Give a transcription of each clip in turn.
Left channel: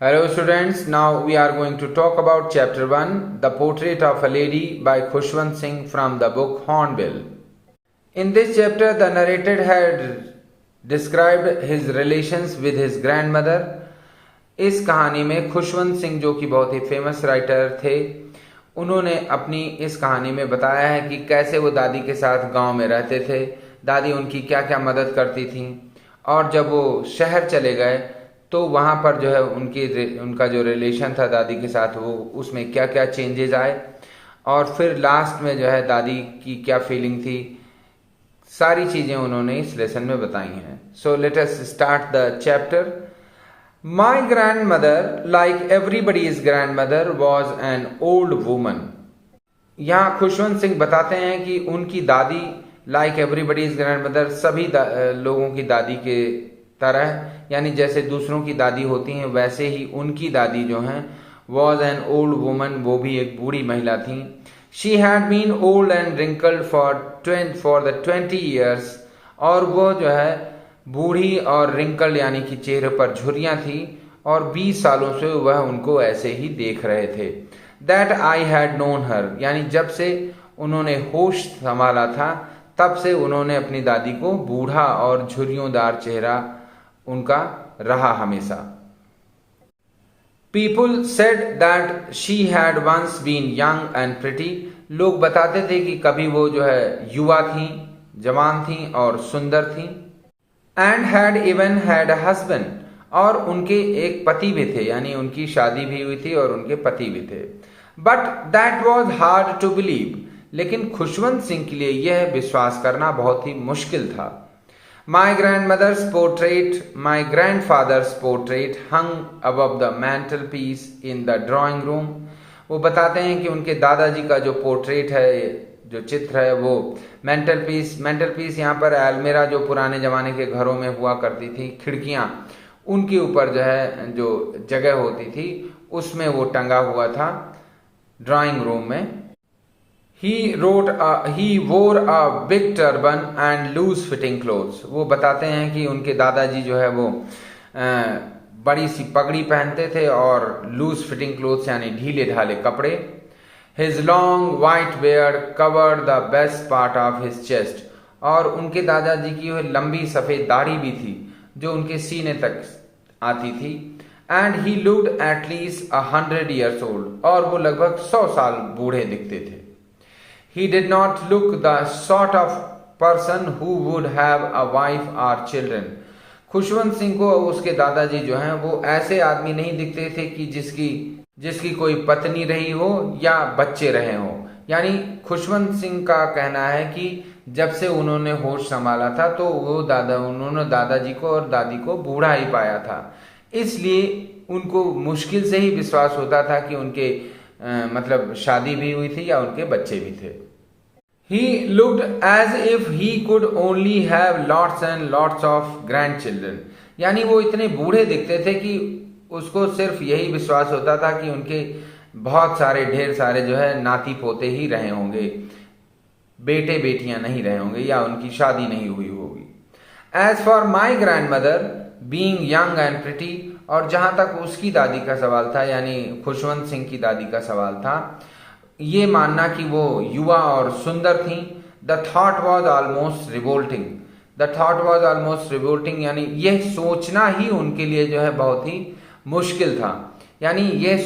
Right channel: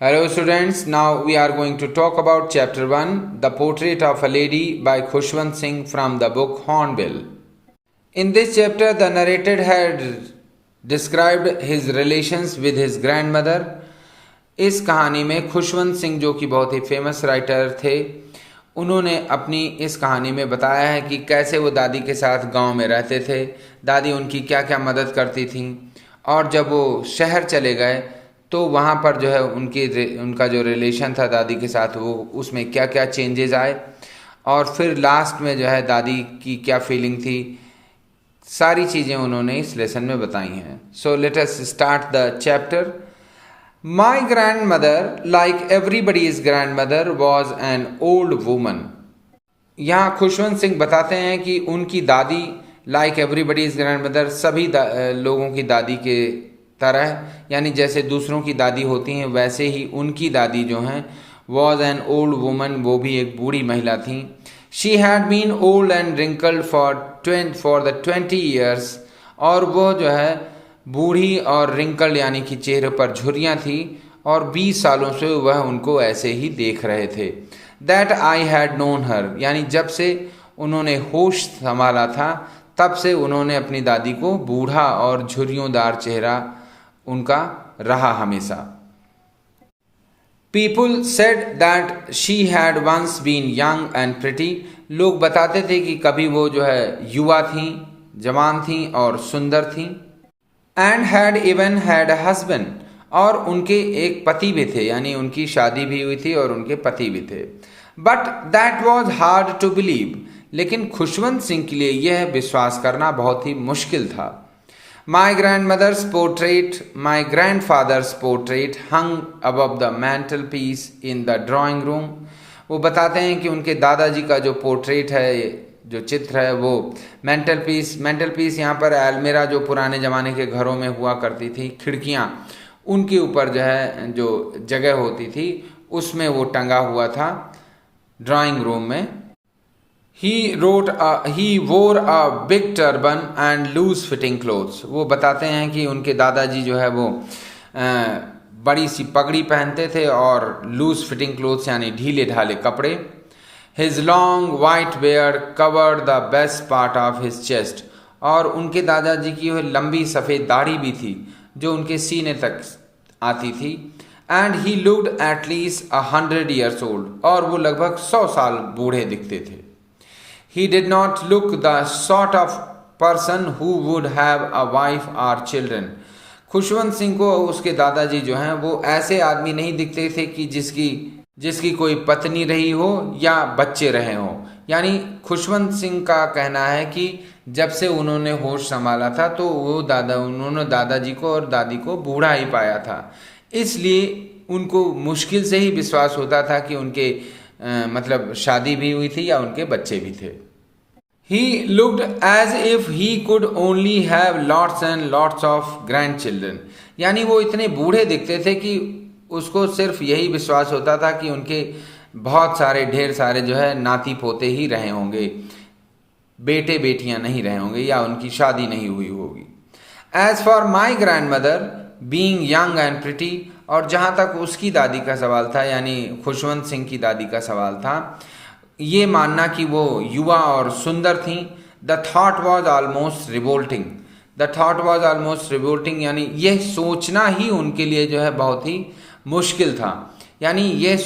Hello students, now we are going to talk about chapter 1, The Portrait of a Lady by Khushwant Singh from the book Hornbill. In this chapter, the narrator had described his relations with his grandmother. इस कहानी में खुशवंत सिंह जो कि बहुत ही famous writer थे, उन्होंने अपनी इस कहानी में बताया है कि कैसे वो दादी के साथ गांव में रहते थे, दादी उनकी क्या क्या मदद करती थी, और जब वो शहर चले गए तो वहाँ पर जो है उनका जो रिलेशन था दादी के साथ वो उसमें क्या क्या चेंजेस आए, और फिर लास्ट में जो है दादी की क्या फीलिंग थी, सारी चीज़ें उन्होंने इस लेसन में बताई हैं. So let us start the chapter. My grand mother, like everybody's grand mother, was an old woman. यहाँ खुशवंत सिंह बताते हैं कि उनकी दादी लाइक एवरीबडीज ग्रैंड मदर, सभी लोगों की दादी के तरह, यानी जैसे दूसरों की दादी होती हैं वैसे ही उनकी दादी जो हैं वॉज एन ओल्ड वुमन, वो भी एक बूढ़ी महिला थी. She had been old and wrinkled for the 20 years, और वो जो है बूढ़ी और रिंकल्ड यानी कि चेहरे पर झुर्रियाँ थी, और 20 सालों से वह उनको ऐसे ही देख रहे थे. दैट आई हैड नोन हर, यानी जब से उन्होंने होश संभाला था तब से उन्होंने अपनी दादी को बूढ़ा और झुर्रियोंदार चेहरा उनका रहा हमेशा. People said that she had once been young and pretty. लोग बताते थे कि कभी वो जो है युवा थी, जवान थी और सुंदर थी. And had even had a husband, और उनके एक पति भी थे, यानी उनकी शादी भी हुई थी और उनके पति भी थे. But that was hard to believe, लेकिन खुशवंत सिंह के लिए यह विश्वास करना बहुत ही मुश्किल था. My grandmother's portrait, my grandfather's portrait hung above the mantelpiece in the drawing room. वो बताते हैं कि उनके दादाजी का जो पोर्ट्रेट है, जो चित्र है, वो मेंटल पीस यहाँ पर अलमीरा जो पुराने ज़माने के घरों में हुआ करती थी, खिड़कियाँ, उनके ऊपर जो है जो जगह होती थी उसमें वो टंगा हुआ था ड्राइंग रूम में. He wore a big turban and loose fitting clothes. वो बताते हैं कि उनके दादाजी जो है वो बड़ी सी पगड़ी पहनते थे और लूज फिटिंग क्लोथ्स यानी ढीले ढाले कपड़े. His long white beard covered the best part of his chest. और उनके दादाजी की वो लंबी सफ़ेद दाढ़ी भी थी जो उनके सीने तक आती थी. And he looked at least 100 years old. और वो लगभग 100 साल बूढ़े दिखते थे. He did not look the sort of person who would have a wife or children. Khushwant Singh को उसके दादाजी जो हैं वो ऐसे आदमी नहीं दिखते थे कि जिसकी कोई पत्नी रही हो या बच्चे रहे हों. यानी खुशवंत सिंह का कहना है कि जब से उन्होंने होश संभाला था तो उन्होंने दादाजी को और दादी को बूढ़ा ही पाया था, इसलिए उनको मुश्किल से ही विश्वास होता था कि उनके मतलब शादी भी हुई थी या उनके बच्चे भी थे. He looked as if he could only have lots and lots of grandchildren. यानी वो इतने बूढ़े दिखते थे कि उसको सिर्फ यही विश्वास होता था कि उनके बहुत सारे ढेर सारे जो है नाती पोते ही रहे होंगे, बेटे बेटियां नहीं रहे होंगे या उनकी शादी नहीं हुई होगी. As for my grandmother being young and pretty, और जहाँ तक उसकी दादी का सवाल था, यानी खुशवंत सिंह की दादी का सवाल था, ये मानना कि वो युवा और सुंदर थी. The thought was almost revolting, यानी यह सोचना ही उनके लिए जो है बहुत ही मुश्किल था. यानी ये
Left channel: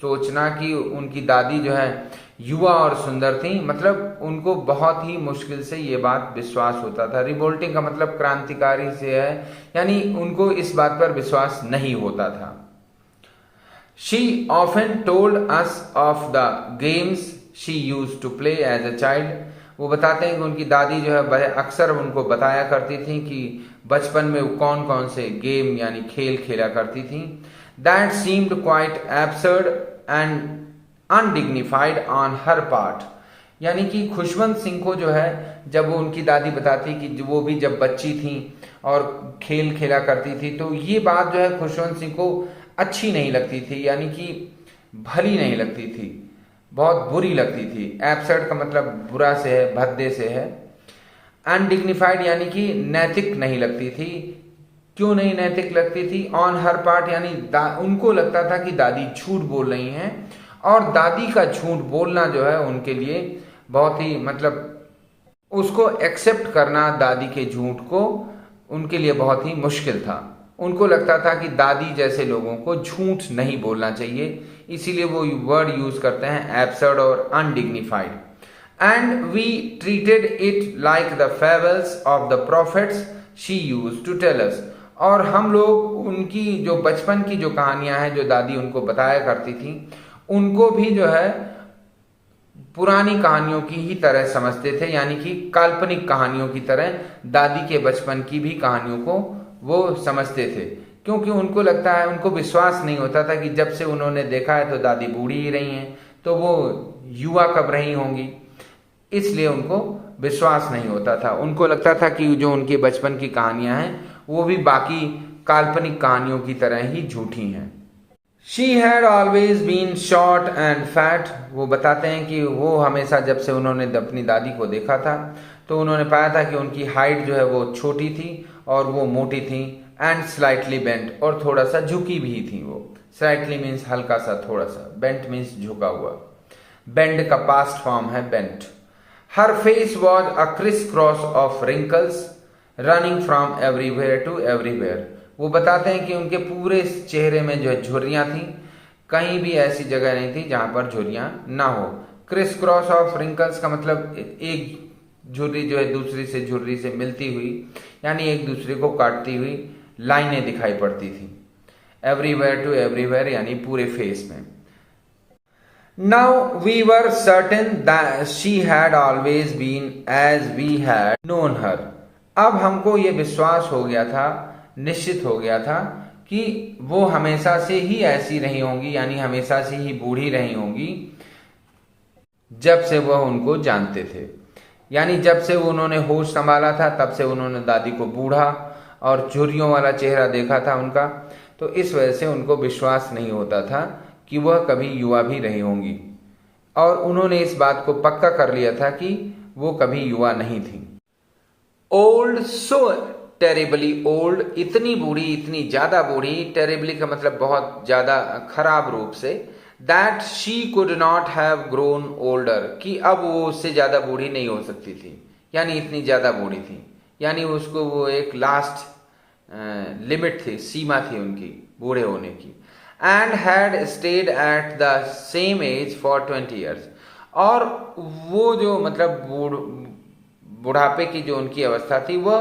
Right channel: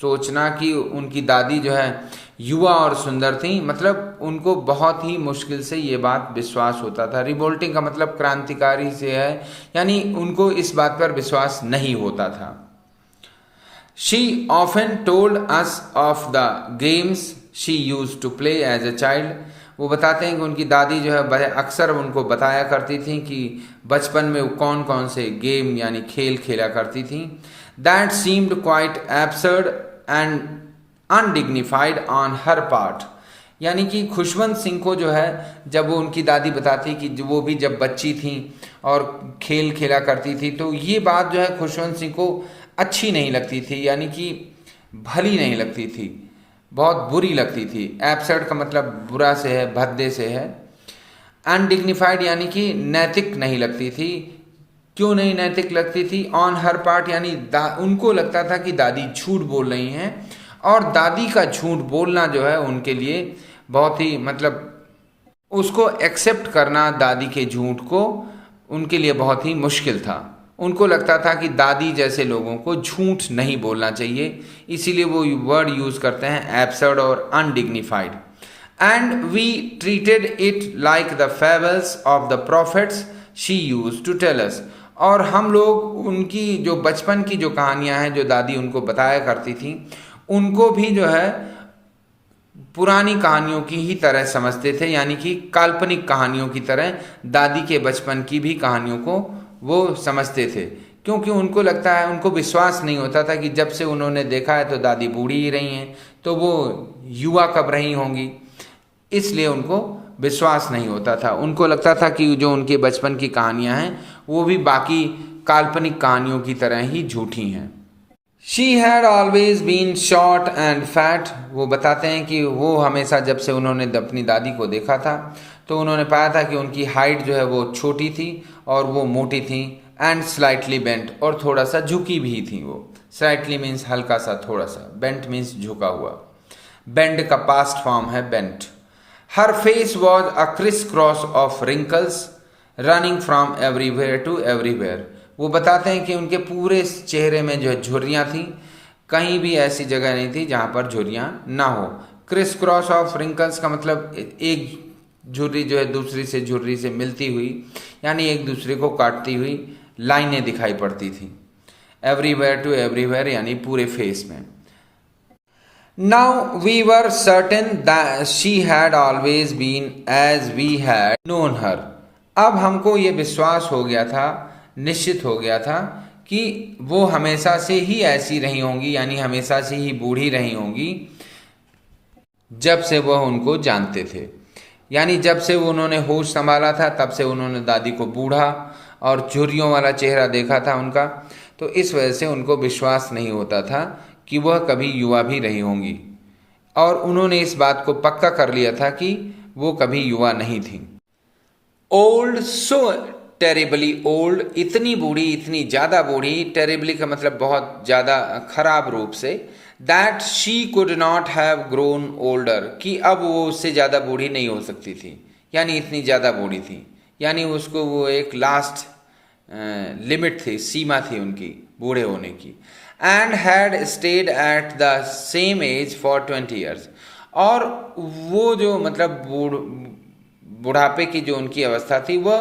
सोचना कि उनकी दादी जो है युवा और सुंदर थी, मतलब उनको बहुत ही मुश्किल से ये बात विश्वास होता था. रिवोल्टिंग का मतलब क्रांतिकारी से है, यानी उनको इस बात पर विश्वास नहीं होता था. She often told us of the games she used to play as a child. वो बताते हैं कि उनकी दादी जो है अक्सर उनको बताया करती थी कि बचपन में कौन कौन से गेम यानी खेल खेला करती थी. That seemed quite absurd and undignified on her part. यानी कि खुशवंत सिंह को जो है जब वो उनकी दादी बताती कि वो भी जब बच्ची थी और खेल खेला करती थी, तो ये बात जो है खुशवंत सिंह को अच्छी नहीं लगती थी, यानी कि भली नहीं लगती थी, बहुत बुरी लगती थी. एब्सर्ड का मतलब बुरा से है, भद्दे से है. अनडिग्निफाइड यानी कि नैतिक नहीं लगती थी. क्यों नहीं नैतिक लगती थी? ऑन हर पार्ट, यानी उनको लगता था कि दादी झूठ बोल रही हैं, और दादी का झूठ बोलना जो है उनके लिए बहुत ही मतलब उसको एक्सेप्ट करना, दादी के झूठ को उनके लिए बहुत ही मुश्किल था। उनको लगता था कि दादी जैसे लोगों को झूठ नहीं बोलना चाहिए, इसीलिए वो वर्ड यूज करते हैं एब्सर्ड और undignified. And we treated it like the fables of the prophets she used to tell us. और हम लोग उनकी जो बचपन की जो कहानियां हैं जो दादी उनको बताया करती थी, उनको भी जो है पुरानी कहानियों की ही तरह समझते थे, यानी कि काल्पनिक कहानियों की तरह दादी के बचपन की भी कहानियों को वो समझते थे। क्योंकि उनको लगता है, उनको विश्वास नहीं होता था कि जब से उन्होंने देखा है तो दादी बूढ़ी ही रही हैं, तो वो युवा कब रही होंगी, इसलिए उनको विश्वास नहीं होता था। उनको लगता था कि जो उनके बचपन की कहानियां हैं वो भी बाकी काल्पनिक कहानियों की तरह ही झूठी हैं। She had always been short and fat. वो बताते हैं कि वो हमेशा जब से उन्होंने अपनी दादी को देखा था तो उन्होंने पाया था कि उनकी हाइट जो है वो छोटी थी और वो मोटी थी, एंड स्लाइटली बेंट, और थोड़ा सा झुकी भी थी। वो स्लाइटली मीन्स हल्का सा, थोड़ा सा, बेंट मीन्स झुका हुआ। बेंड का पास्ट फॉर्म है bent. Her face was a criss cross of wrinkles running from everywhere to everywhere. वो बताते हैं कि उनके पूरे चेहरे में जो है झुर्रियाँ थी, कहीं भी ऐसी जगह नहीं थी जहाँ पर झुर्रियाँ ना हो। क्रिस क्रॉस ऑफ रिंकल्स का मतलब एक झुर्री जो है दूसरी से झुर्री से मिलती हुई, यानी एक दूसरे को काटती हुई लाइनें दिखाई पड़ती थी। एवरीवेयर टू एवरीवेयर यानी पूरे फेस में। Now we were certain that she had always been as we had known her. अब हमको ये विश्वास हो गया था, निश्चित हो गया था कि वो हमेशा से ही ऐसी रही होंगी, यानी हमेशा से ही बूढ़ी रही होंगी जब से वह उनको जानते थे। यानी जब से उन्होंने होश संभाला था तब से उन्होंने दादी को बूढ़ा और झुर्रियों वाला चेहरा देखा था उनका, तो इस वजह से उनको विश्वास नहीं होता था कि वह कभी युवा भी रही होंगी, और उन्होंने इस बात को पक्का कर लिया था कि वो कभी युवा नहीं थी। ओल्ड, सो टेरिबली ओल्ड, इतनी बूढ़ी, इतनी ज़्यादा बूढ़ी, टेरिबली का मतलब बहुत ज़्यादा खराब रूप से, that she could not have grown older, कि अब वो उससे ज़्यादा बूढ़ी नहीं हो सकती थी, यानी इतनी ज़्यादा बूढ़ी थी, यानी उसको वो एक लास्ट लिमिट थी, सीमा थी उनकी बूढ़े होने की। And had stayed at the same age for 20 years, और वो जो मतलब बुढ़ापे की जो उनकी अवस्था थी वह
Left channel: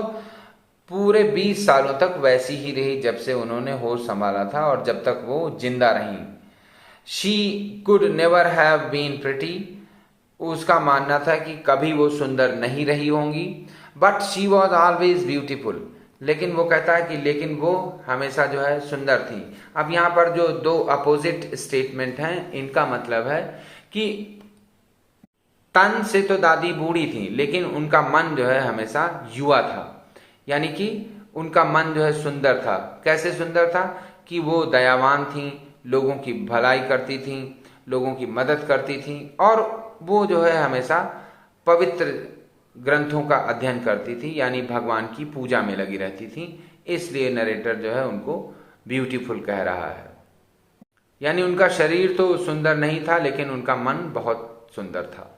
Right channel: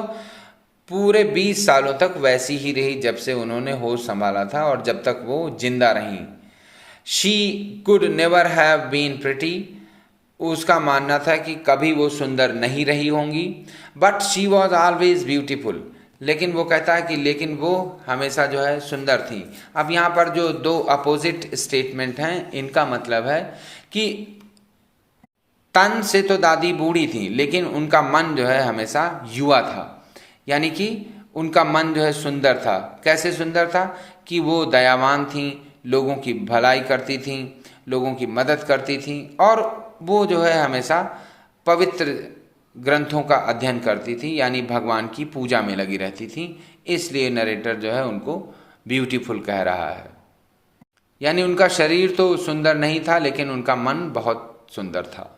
पूरे 20 सालों तक वैसी ही रही जब से उन्होंने होश संभाला था और जब तक वो जिंदा रहीं। She could never have been pretty, उसका मानना था कि कभी वो सुंदर नहीं रही होंगी, but she was always beautiful, लेकिन वो कहता है कि लेकिन वो हमेशा जो है सुंदर थी। अब यहाँ पर जो दो अपोजिट स्टेटमेंट हैं, इनका मतलब है कि तन से तो दादी बूढ़ी थी लेकिन उनका मन जो है हमेशा युवा था, यानी कि उनका मन जो है सुंदर था। कैसे सुंदर था? कि वो दयावान थी, लोगों की भलाई करती थी, लोगों की मदद करती थी, और वो जो है हमेशा पवित्र ग्रंथों का अध्ययन करती थी, यानी भगवान की पूजा में लगी रहती थी। इसलिए नरेटर जो है उनको ब्यूटीफुल कह रहा है। यानी उनका शरीर तो सुंदर नहीं था लेकिन उनका मन बहुत सुंदर था।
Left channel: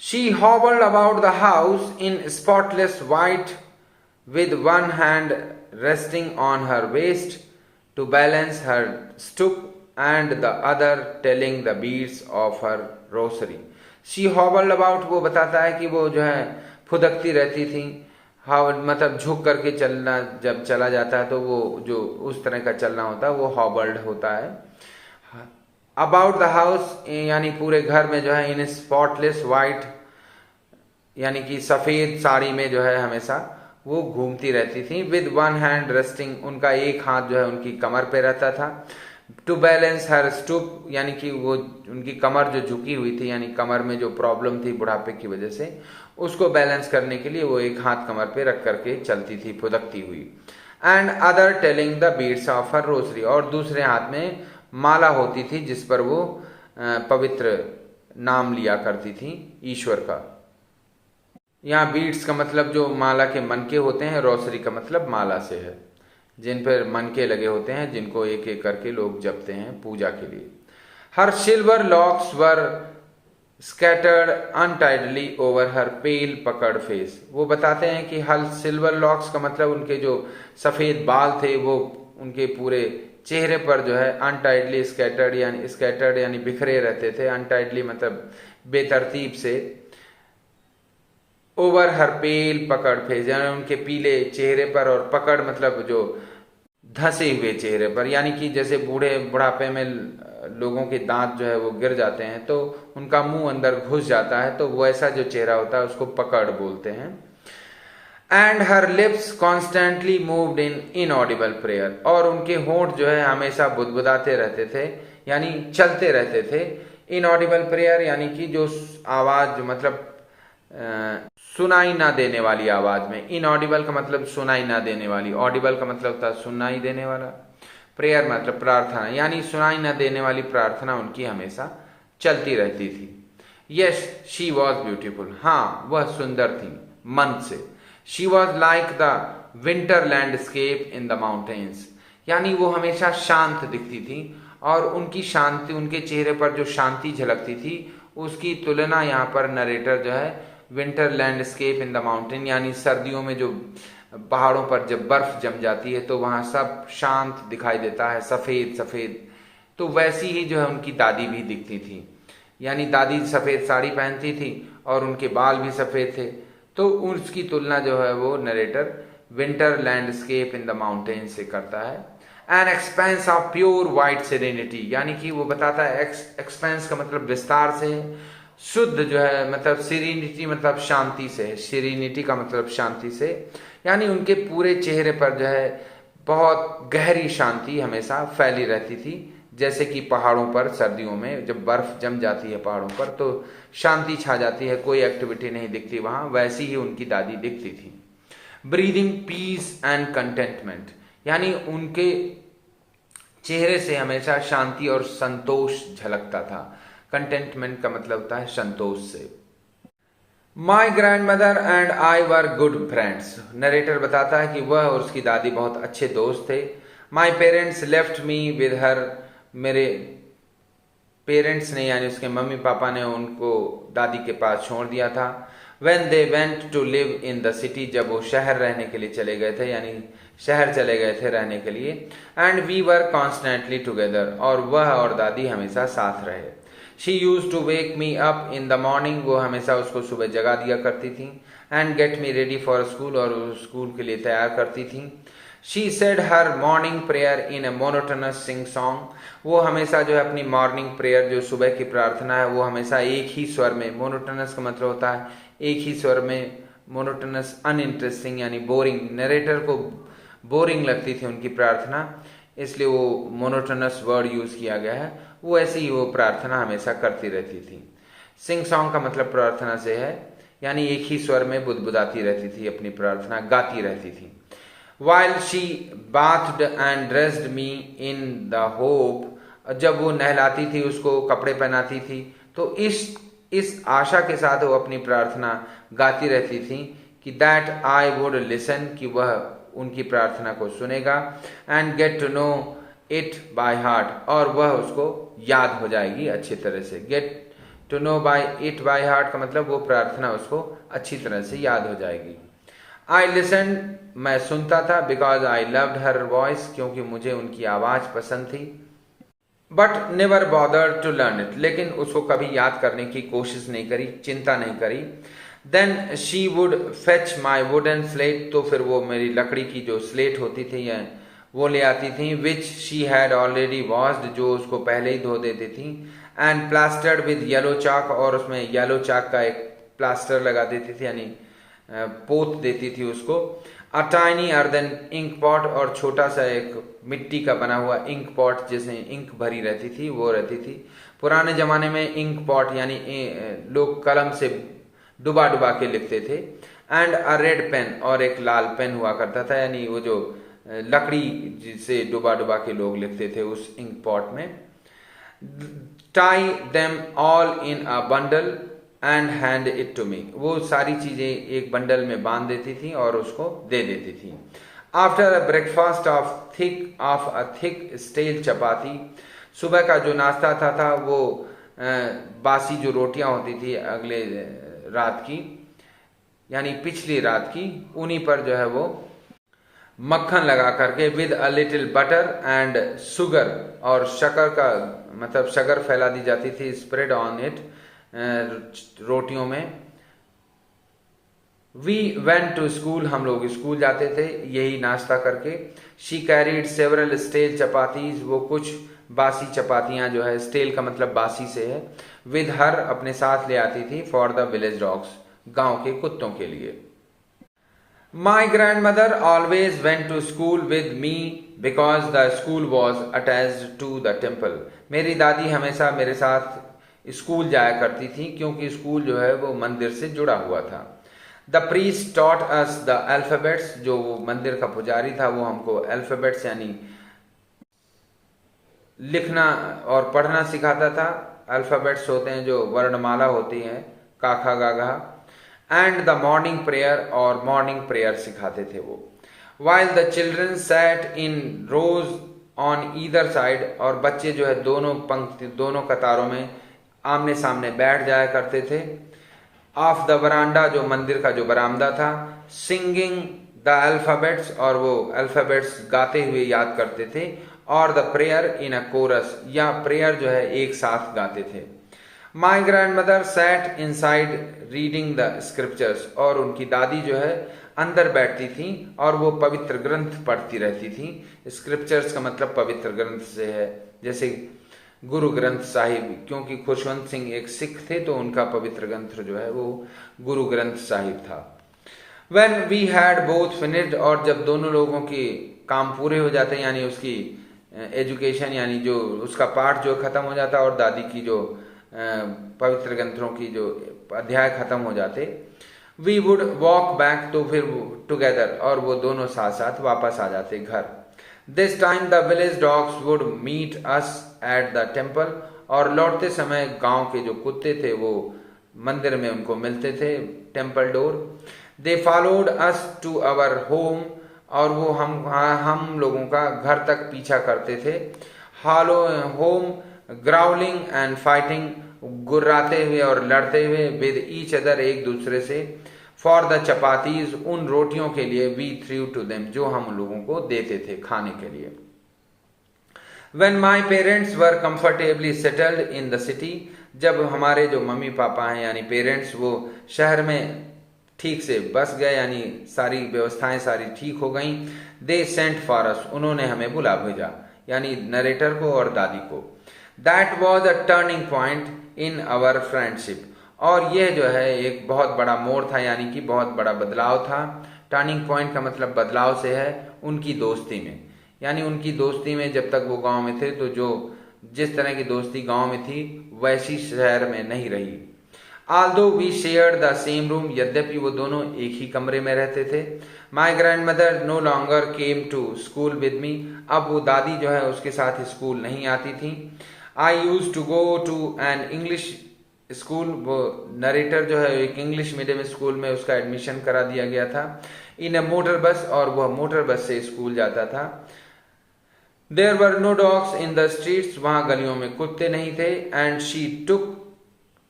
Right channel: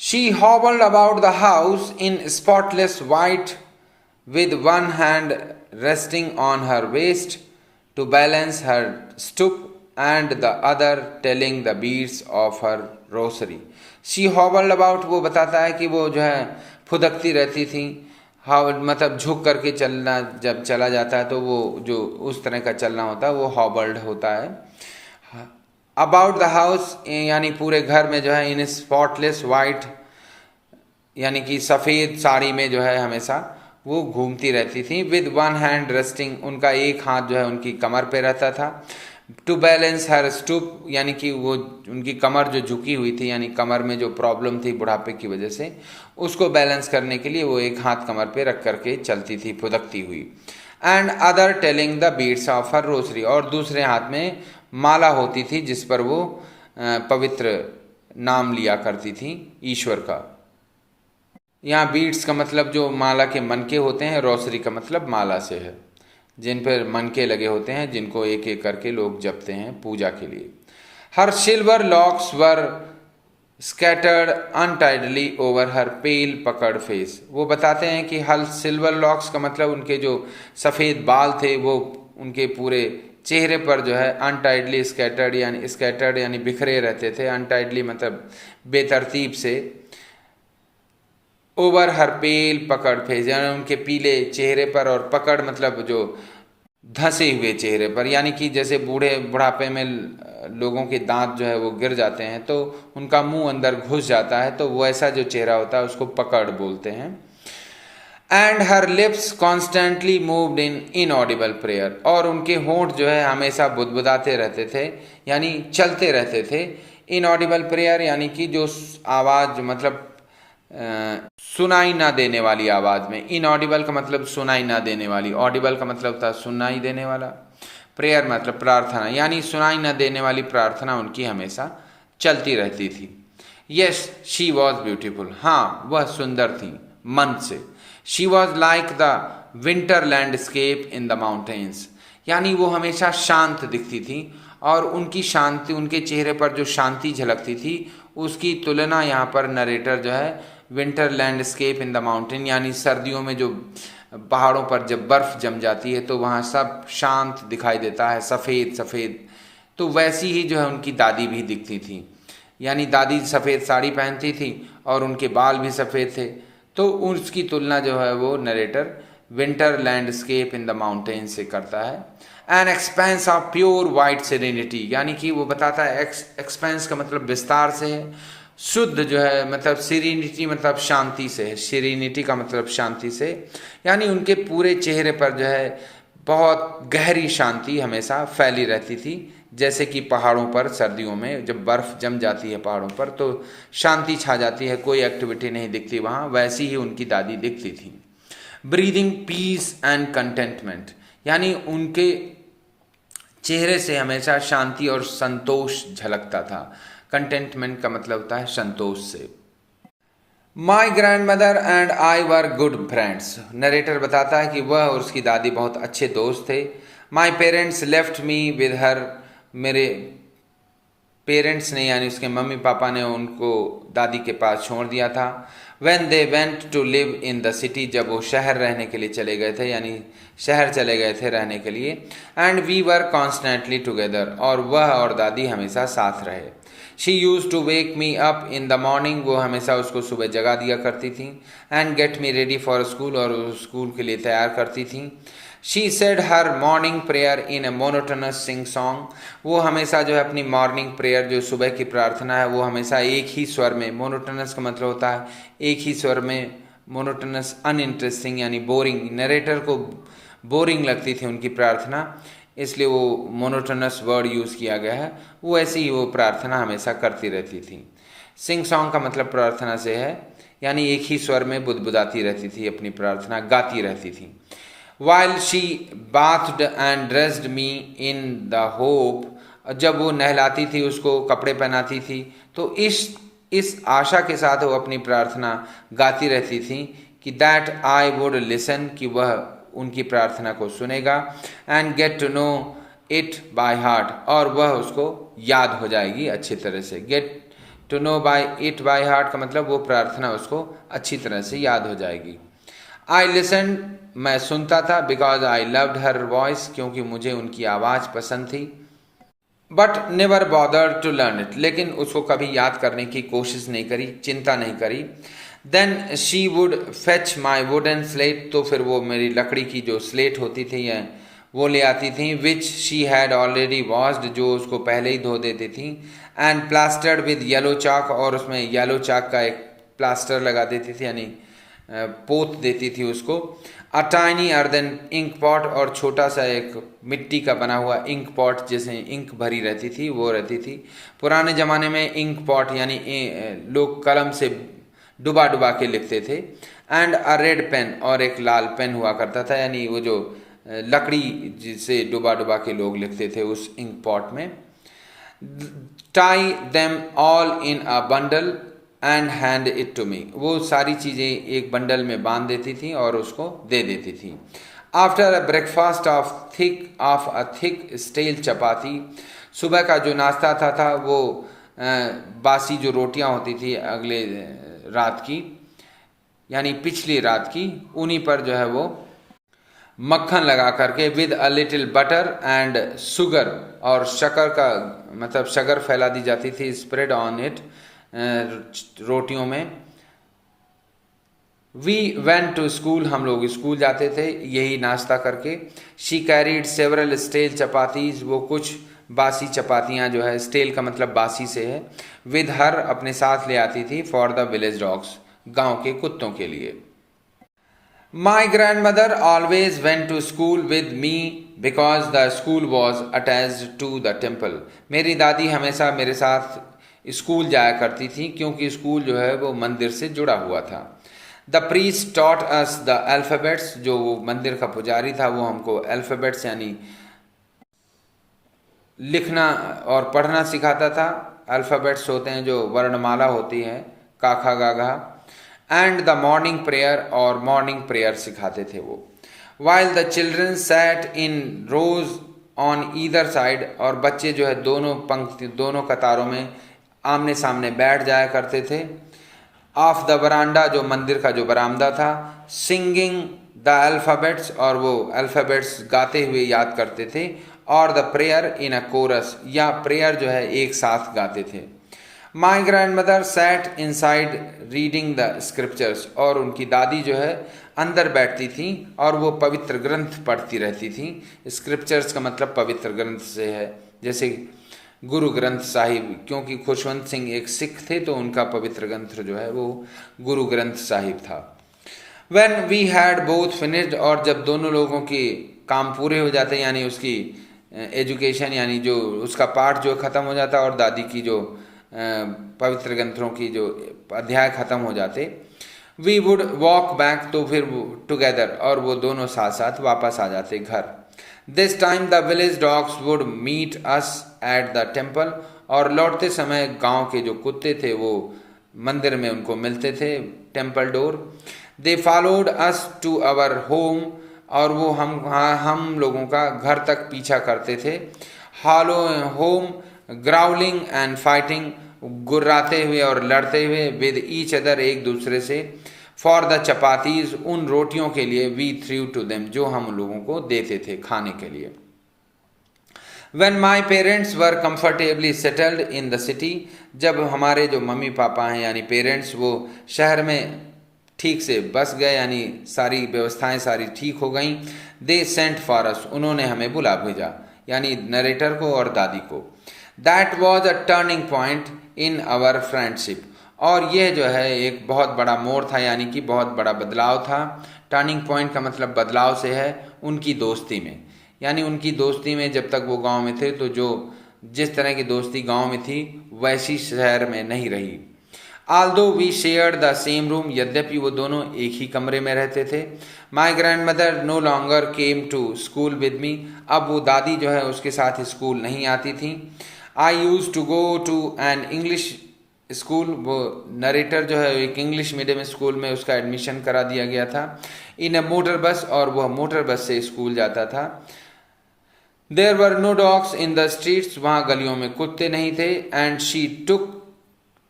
She hobbled about the house in spotless white with one hand resting on her waist to balance her stoop and the other telling the beads of her rosary. She hobbled about, वो बताता है कि वो जो है फुदकती रहती थी, हाँ मतलब झुक करके चलना, जब चला जाता है तो वो जो उस तरह का चलना होता है वो हॉबल्ड होता है। अबाउट द हाउस यानी पूरे घर में जो है, इन स्पॉटलेस वाइट यानी कि सफ़ेद साड़ी में जो है हमेशा वो घूमती रहती थी। विद वन हैंड रेस्टिंग, उनका एक हाथ जो है उनकी कमर पे रहता था। टू बैलेंस हर स्टूप, यानी कि वो उनकी कमर जो झुकी हुई थी, यानी कमर में जो प्रॉब्लम थी बुढ़ापे की वजह से, उसको बैलेंस करने के लिए वो एक हाथ कमर पे रख करके चलती थी फुदकती हुई। And other telling the beads of her Rossari, और दूसरे हाथ में माला होती थी जिस पर वो पवित्र नाम लिया करती थी ईश्वर का। यहाँ बीड्स का मतलब जो माला के मनके होते हैं, रोसरी का मतलब माला से है। जिन पर मनके लगे होते हैं, जिनको एक एक करके लोग जपते हैं पूजा के लिए। हर सिल्वर लॉक्स वर स्कैटर्ड अनटाइडली ओवर हर पेल पकड़ फेस। वो बताते हैं कि हर सिल्वर लॉक्स का मतलब उनके जो सफ़ेद बाल थे वो उनके पूरे चेहरे पर जो है अनटाइडली स्कैटर्ड यानी बिखरे रहते थे। अनटाइडली मतलब बेतरतीब से। ओवर हर पेल पकड़ फेस यानी उनके पीले चेहरे पर, और पकड़ मतलब जो धंसे हुए चेहरे पर, यानी कि जैसे बुढ़ापे में लोगों के दांत जो है वो गिर जाते हैं तो उनका मुंह अंदर घुस जाता है, तो वो ऐसा जो चेहरा होता है उसको पकड़ बोलते हैं। And her lips constantly moved in inaudible prayer, और उनके होंठ जो है हमेशा बुदबुदाते रहते थे, यानी चलते रहते थे। इनऑडिबल प्रेयर यानी कि जो आवाज़ मतलब सुनाई ना देने वाली आवाज़ में। इनऑडिबल का मतलब सुनाई ना देने वाली, ऑडिबल का मतलब था सुनाई देने वाला, प्रेयर मतलब प्रार्थना, यानी सुनाई ना देने वाली प्रार्थना उनकी हमेशा चलती रहती थी। यस शी वॉज ब्यूटीफुल, हाँ वह सुंदर थी मन से। She was like the winter landscape in the mountains, यानी वो हमेशा शांत दिखती थी, और उनकी शांति, उनके चेहरे पर जो शांति झलकती थी उसकी तुलना यहाँ पर नरेटर जो है winter landscape in the mountain, यानी सर्दियों में जो पहाड़ों पर जब बर्फ जम जाती है तो वहाँ सब शांत दिखाई देता है, सफ़ेद सफ़ेद। तो वैसी ही जो है उनकी दादी भी दिखती थी, यानी दादी सफ़ेद साड़ी पहनती थी और उनके बाल भी सफ़ेद थे। तो उसकी तुलना जो है वो narrator winter landscape in the mountain से करता है। An expense of pure white serenity, यानी कि वो बताता है एक्सपेंस का मतलब विस्तार से है, शुद्ध जो है मतलब सीरीनिटी मतलब शांति से है, सीरीनिटी का मतलब शांति से, यानी उनके पूरे चेहरे पर जो है बहुत गहरी शांति हमेशा फैली रहती थी। जैसे कि पहाड़ों पर सर्दियों में जब बर्फ़ जम जाती है पहाड़ों पर तो शांति छा जाती है, कोई एक्टिविटी नहीं दिखती वहाँ, वैसी ही उनकी दादी दिखती थी। ब्रीदिंग पीस एंड कंटेंटमेंट, यानी उनके चेहरे से हमेशा शांति और संतोष झलकता था। कंटेंटमेंट का मतलब होता है संतोष से। My grand mother and I were good friends, narrator बताता है कि वह और उसकी दादी बहुत अच्छे दोस्त थे। My parents left me with her, मेरे पेरेंट्स ने यानी उसके मम्मी पापा ने उनको दादी के पास छोड़ दिया था। When they went to live in the city, जब वो शहर रहने के लिए चले गए थे, यानी शहर चले गए थे रहने के लिए। And we were constantly together, और वह और दादी हमेशा साथ रहे। She used to wake me up in the morning, वो हमेशा उसको सुबह जगा दिया करती थी। And get me ready for school, और स्कूल के लिए तैयार करती थी। She said her morning prayer in a monotonous sing song, वो हमेशा जो है अपनी मॉर्निंग प्रेयर जो सुबह की प्रार्थना है वो हमेशा एक ही स्वर में, मोनोटोनस का मतलब होता है एक ही स्वर में, मोनोटोनस अनइंटरेस्टिंग यानी बोरिंग, नरेटर को बोरिंग लगती थी उनकी प्रार्थना, इसलिए वो मोनोटोनस वर्ड यूज़ किया गया है। वो ऐसी ही वो प्रार्थना हमेशा करती रहती थी। सिंग सॉन्ग का मतलब प्रार्थना से है, यानी एक ही स्वर में बुदबुदाती रहती थी, अपनी प्रार्थना गाती रहती थी। While she bathed and dressed me in the hope, जब वो नहलाती थी उसको कपड़े पहनाती थी तो इस आशा के साथ वो अपनी प्रार्थना गाती रहती थी कि दैट आई वुड लिसन, कि वह उनकी प्रार्थना को सुनेगा, and get to know it by heart, और वह उसको याद हो जाएगी अच्छी तरह से। Get to know by it by heart का मतलब वो प्रार्थना उसको अच्छी तरह से याद हो जाएगी। आई लिसन, मैं सुनता था, because I loved her voice, क्योंकि मुझे उनकी आवाज़ पसंद थी। But never bother to learn it, लेकिन उसको कभी याद करने की कोशिश नहीं करी, चिंता नहीं करी। Then she would fetch my wooden slate, तो फिर वो मेरी लकड़ी की जो स्लेट होती थी या वो ले आती थी, which she had already washed, जो उसको पहले ही धो देती थी, एंड प्लास्टर्ड विद येलो चाक, और उसमें येलो चाक का एक प्लास्टर लगा देती थी, यानी पोत देती थी उसको। A tiny earthen ink pot, और छोटा सा एक मिट्टी का बना हुआ इंक पॉट जिसमें इंक भरी रहती थी वो रहती थी। पुराने ज़माने में इंक पॉट यानी लोग कलम से डुबा डुबा के लिखते थे। एंड अ रेड पेन, और एक लाल पेन हुआ करता था, यानी वो जो लकड़ी जिसे डुबा डुबा के लोग लिखते थे उस इंक पॉट में। Tie them all in a bundle and hand it to me, वो सारी चीज़ें एक बंडल में बांध देती थी और उसको दे देती थी। After a breakfast of a thick stale chapati, सुबह का जो नाश्ता था वो बासी जो रोटियां होती थी अगले रात की, यानी पिछली रात की, उन्हीं पर जो है वो मक्खन लगा करके with a little butter and sugar, और शक्कर का मतलब शक्कर फैला दी जाती थी, स्प्रेड ऑन इट, रोटियों में। वी वेंट टू स्कूल, हम लोग स्कूल जाते थे यही नाश्ता करके। She carried several stale chapatis, वो कुछ बासी चपातियाँ जो है, स्टेल का मतलब बासी से है, विद हर, अपने साथ ले आती थी, फॉर द विलेज डॉग्स, गांव के कुत्तों के लिए। My grandmother always went to school with me because the school was attached to the temple, मेरी दादी हमेशा मेरे साथ स्कूल जाया करती थी क्योंकि स्कूल जो है वो मंदिर से जुड़ा हुआ था। The priest taught us the alphabets, जो वो मंदिर का पुजारी था वो हमको अल्फ़ाबेट्स यानी लिखना और पढ़ना सिखाता था। अल्फ़ाबेट्स होते हैं जो वर्णमाला होती है, का खा गा घा, एंड द मॉर्निंग प्रेयर, और मॉर्निंग प्रेयर सिखाते थे वो। While the children sat in rows on either side, और बच्चे जो है दोनों पंक्ति, दोनों कतारों में आमने सामने बैठ जाया करते थे। ऑफ द बरांडा, जो मंदिर का जो बरामदा था, सिंगिंग द अल्फ़ाबेट्स, और वो अल्फ़ाबेट्स गाते हुए याद करते थे, और the prayer in a chorus, या प्रेयर जो है एक साथ गाते थे। My grandmother sat inside reading the scriptures, और उनकी दादी जो है अंदर बैठती थी और वो पवित्र ग्रंथ पढ़ती रहती थी। स्क्रिप्चर्स का मतलब पवित्र ग्रंथ से है, जैसे गुरु ग्रंथ साहिब, क्योंकि खुशवंत सिंह एक सिख थे तो उनका पवित्र ग्रंथ जो है वो गुरु ग्रंथ साहिब था। When we had both finished, और जब दोनों लोगों के काम पूरे हो जाते, यानी उसकी एजुकेशन यानी जो उसका पाठ जो ख़त्म हो जाता और दादी की जो पवित्र ग्रंथों की जो अध्याय ख़त्म हो जाते, वी वुड वॉक बैक, तो फिर टुगेदर, और वो दोनों साथ साथ वापस आ जाते घर। This time the village dogs would meet us at the temple, और लौटते समय गांव के जो कुत्ते थे वो मंदिर में उनको मिलते थे, temple door. They followed us to our home, और वो हम लोगों का घर तक पीछा करते थे। Hollow home, growling and fighting, गुर्राते हुए और लड़ते हुए, विद ईच अदर, एक दूसरे से, फॉर द चपातीज, उन रोटियों के लिए, वी थ्रू टू देम, जो हम लोगों को देते थे खाने के लिए। When my parents were comfortably settled in the city, जब हमारे जो मम्मी पापा हैं यानी पेरेंट्स वो शहर में ठीक से बस गए, यानी सारी व्यवस्थाएं सारी ठीक हो गई, दे सेंट फॉर अस, उन्होंने हमें बुला भेजा, यानी नरेटर को और दादी को। That was a turning point in our friendship, और यह जो है एक बहुत बड़ा मोड़ था, यानी कि बहुत बड़ा बदलाव था। टर्निंग पॉइंट का मतलब बदलाव से है उनकी दोस्ती में, यानी उनकी दोस्ती में जब तक वो गांव में थे तो जो जिस तरह की दोस्ती गांव में थी वैसी शहर में नहीं रही। Although we share the same room, यद्यपि वो दोनों एक ही कमरे में रहते थे। My grandmother no longer came to school with me, अब वो दादी जो है उसके साथ स्कूल नहीं आती थी। I used to go to an English school, वो नरेटर जो है एक इंग्लिश मीडियम स्कूल में उसका एडमिशन करा दिया गया था, इन अ मोटर बस, और वह मोटर बस से स्कूल जाता था। There were no dogs in the streets, वहाँ गलियों में कुत्ते नहीं थे। And she took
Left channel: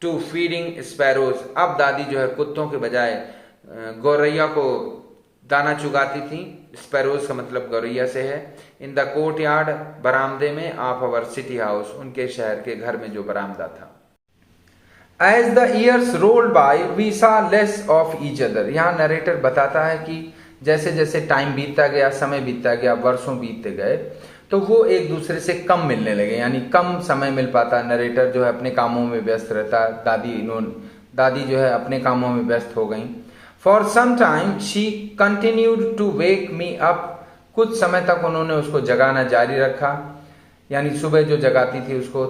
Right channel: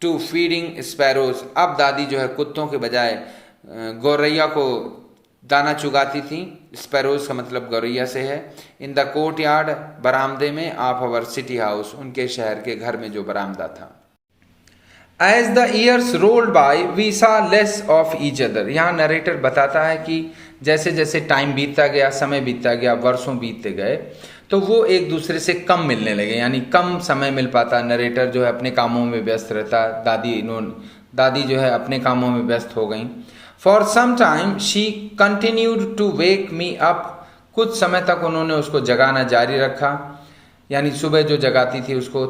to feeding sparrows, अब दादी जो है कुत्तों के बजाय गौरैया को दाना चुगाती थी। स्पैरोज का मतलब गौरैया से है। इन द कोर्ट यार्ड, बरामदे में, ऑफ अवर सिटी हाउस, उनके शहर के घर में जो बरामदा था। As the years rolled by we saw less of each other, यहाँ नरेटर बताता है कि जैसे जैसे टाइम बीतता गया, समय बीतता गया, वर्षों बीतते गए, तो वो एक दूसरे से कम मिलने लगे, यानी कम समय मिल पाता। नरेटर जो है अपने कामों में व्यस्त रहता, दादी जो है अपने कामों में व्यस्त हो गई। For some time she continued to wake me up, कुछ समय तक उन्होंने उसको जगाना जारी रखा, यानी सुबह जो जगाती थी उसको।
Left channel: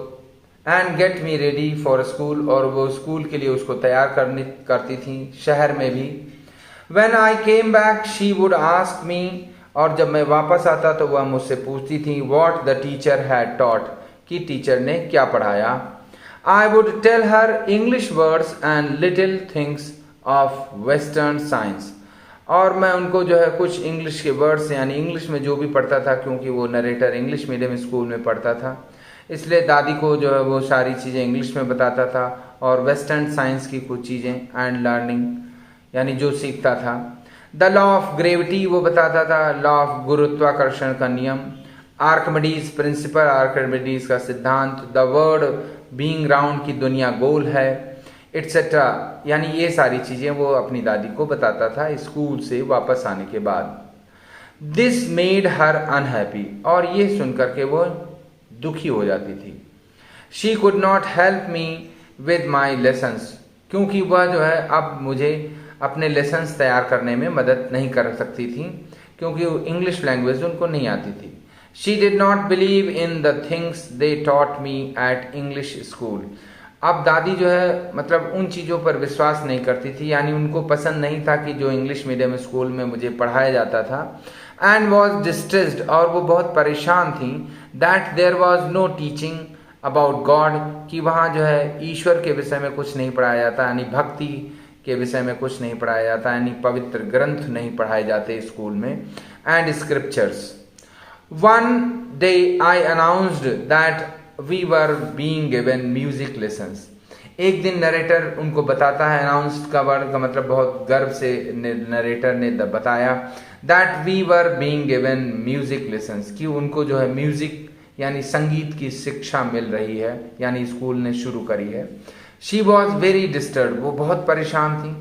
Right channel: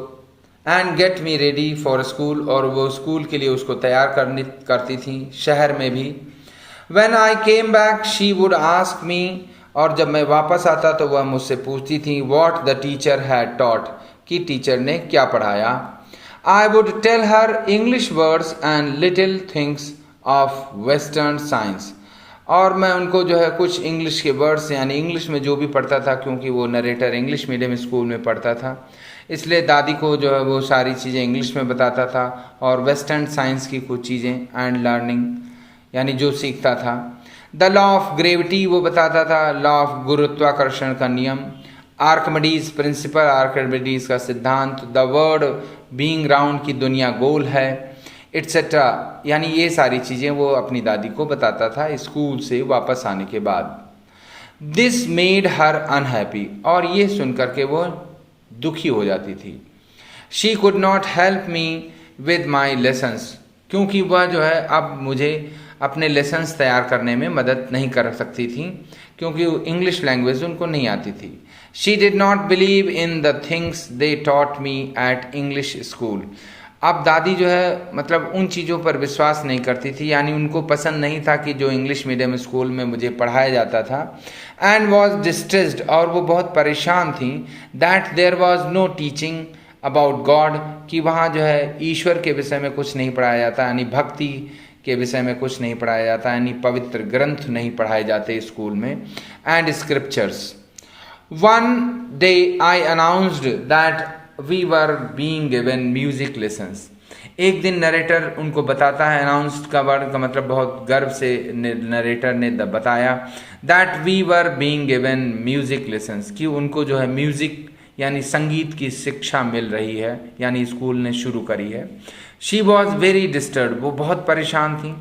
And get me ready for school, और वो स्कूल के लिए उसको तैयार करती थी शहर में भी। When I came back she would ask me, और जब मैं वापस आता तो वह मुझसे पूछती थी what the teacher had taught, कि टीचर ने क्या पढ़ाया। I would tell her English words and little things of Western science, और मैं उनको जो है कुछ इंग्लिश के वर्ड्स यानी इंग्लिश में जो भी पढ़ता था, क्योंकि वो नरेटर इंग्लिश मीडियम स्कूल में पढ़ता था, इसलिए दादी को जो है वो सारी चीज़ें इंग्लिश में बताता था और वेस्टर्न साइंस की कुछ चीज़ें एंड लर्निंग यानी जो सीखता था। द लॉ ऑफ ग्रेविटी वो बताता था, लॉ ऑफ गुरुत्वाकर्षण का नियम, आर्कमिडीज प्रिंसिपल, आर्कमिडीज का सिद्धांत, द वर्ल्ड बीइंग राउंड की दुनिया गोल है, एटसेट्रा, यानी ये सारी चीज़ें वो अपनी दादी को बताता था स्कूल से वापस आने के बाद। दिस मेड हर अनहैप्पी, और ये सुन करके वो दुखी हो जाती थी। She could not help me with my lessons, क्योंकि वह जो है अब मुझे अपने लेसन्स तैयार करने में मदद नहीं कर सकती थी, क्योंकि इंग्लिश लैंग्वेज उनको नहीं आती थी। She did not believe in the things they taught me at English school. अब दादी जो है मतलब उन चीज़ों पर विश्वास नहीं करती थी, यानी उनको पसंद नहीं था कि जो इंग्लिश मीडियम स्कूल में मुझे पढ़ाया जाता था। एंड वॉज डिस्ट्रेस्ड, और वो बहुत परेशान थी, that there was no teaching about God, कि वहाँ जो है ईश्वर के विषय में कुछ नहीं पढ़ाया जाता, यानी भक्ति के विषय में कुछ नहीं पढ़ाया जाता, यानी पवित्र ग्रंथ नहीं पढ़ाए जाते स्कूल में, and scriptures. One day I announced that we were being given music lessons. एक दिन नरेटर उनको बताता है, अनाउंस्ड का वर्ड का मतलब बहुत गर्व से नरेटर ने बताया, that we were being given music lessons, कि उनको जो है म्यूजिक यानी संगीत की शिक्षा मिल रही है, यानी स्कूल ने शुरू करी है। शी वॉज वेरी डिस्टर्ब, वो बहुत परेशान थी।